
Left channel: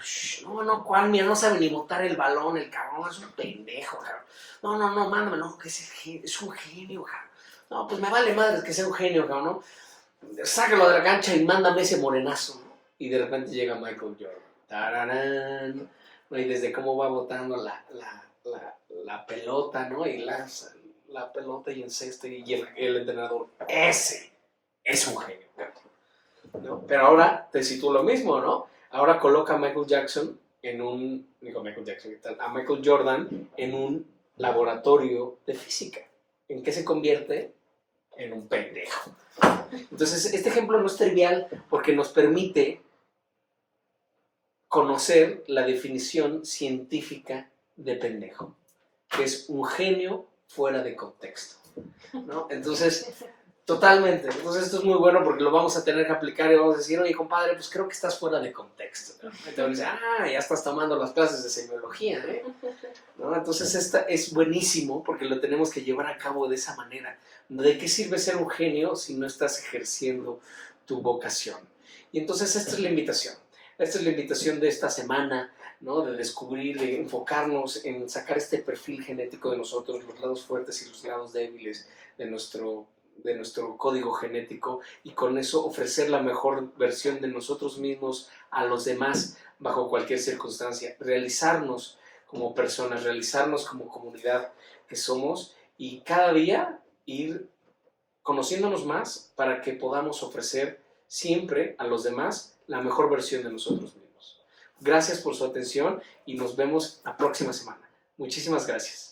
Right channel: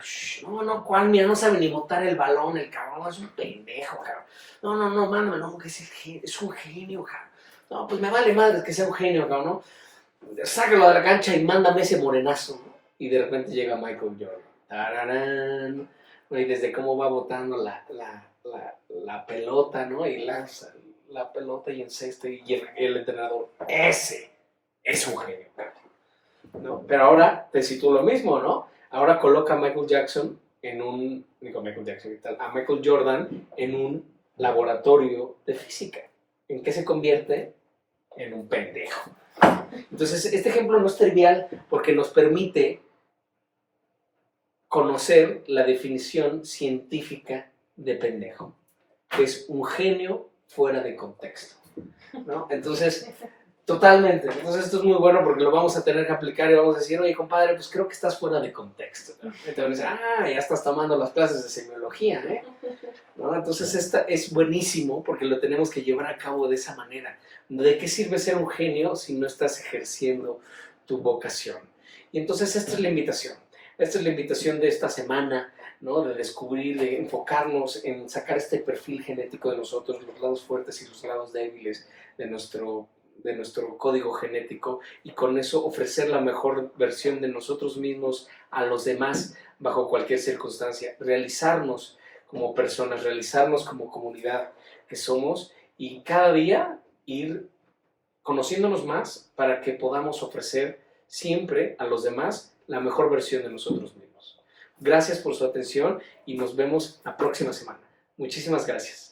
no, ¿cuál? Mira, no sabe ni botar el balón, el cabrón, es un pendejo, cabrón. No, mándame, no, porque es un genio, cabrón. No, pues me vale madre que sea un genio, cabrón, ¿no? Sácalo de la cancha y mándame ese morenazo, ¿no? Y de repente llega Michael Jordan. ¡Tararán! Y desde cómo va botando la pelota, ¿no? Y lanza la pelota y encesta y el entrenador, ese es un genio, ¿no? Pero ahora te sitúo lo mismo, ¿no? Ahora coloca a Michael Jordan en un laboratorio de física. ¿En qué se convierte? En un pendejo. Entonces, este ejemplo no es trivial porque nos permite conocer la definición científica de pendejo, que es un genio fuera de contexto, ¿no? Entonces, totalmente. Entonces esto es muy bueno porque lo vamos a tener que aplicar y vamos a decir, oye, compadre, pues creo que estás fuera de contexto, ¿no? Entonces, ya estás tomando las clases de semiología, ¿eh? ¿No? Entonces esta es buenísimo porque lo tenemos que llevar a cabo de esa manera. ¿De qué sirve ser un genio si no estás ejerciendo tu vocación? Y entonces esta es la invitación. Esta es la invitación de esta semana, ¿no? De descubrir, de enfocarnos en sacar este perfil genético de nosotros, los lados fuertes y los lados débiles de nuestro código genético y con eso ofrecer la mejor versión de nosotros mismos a los demás bajo cualquier circunstancia. Realizarnos como personas, realizarnos como comunidad que somos y cada día ir conociéndonos más para que podamos ofrecer siempre a los demás la mejor versión de nosotros mismos. Gracias por su atención y nos vemos la próxima semana. Muchísimas gracias.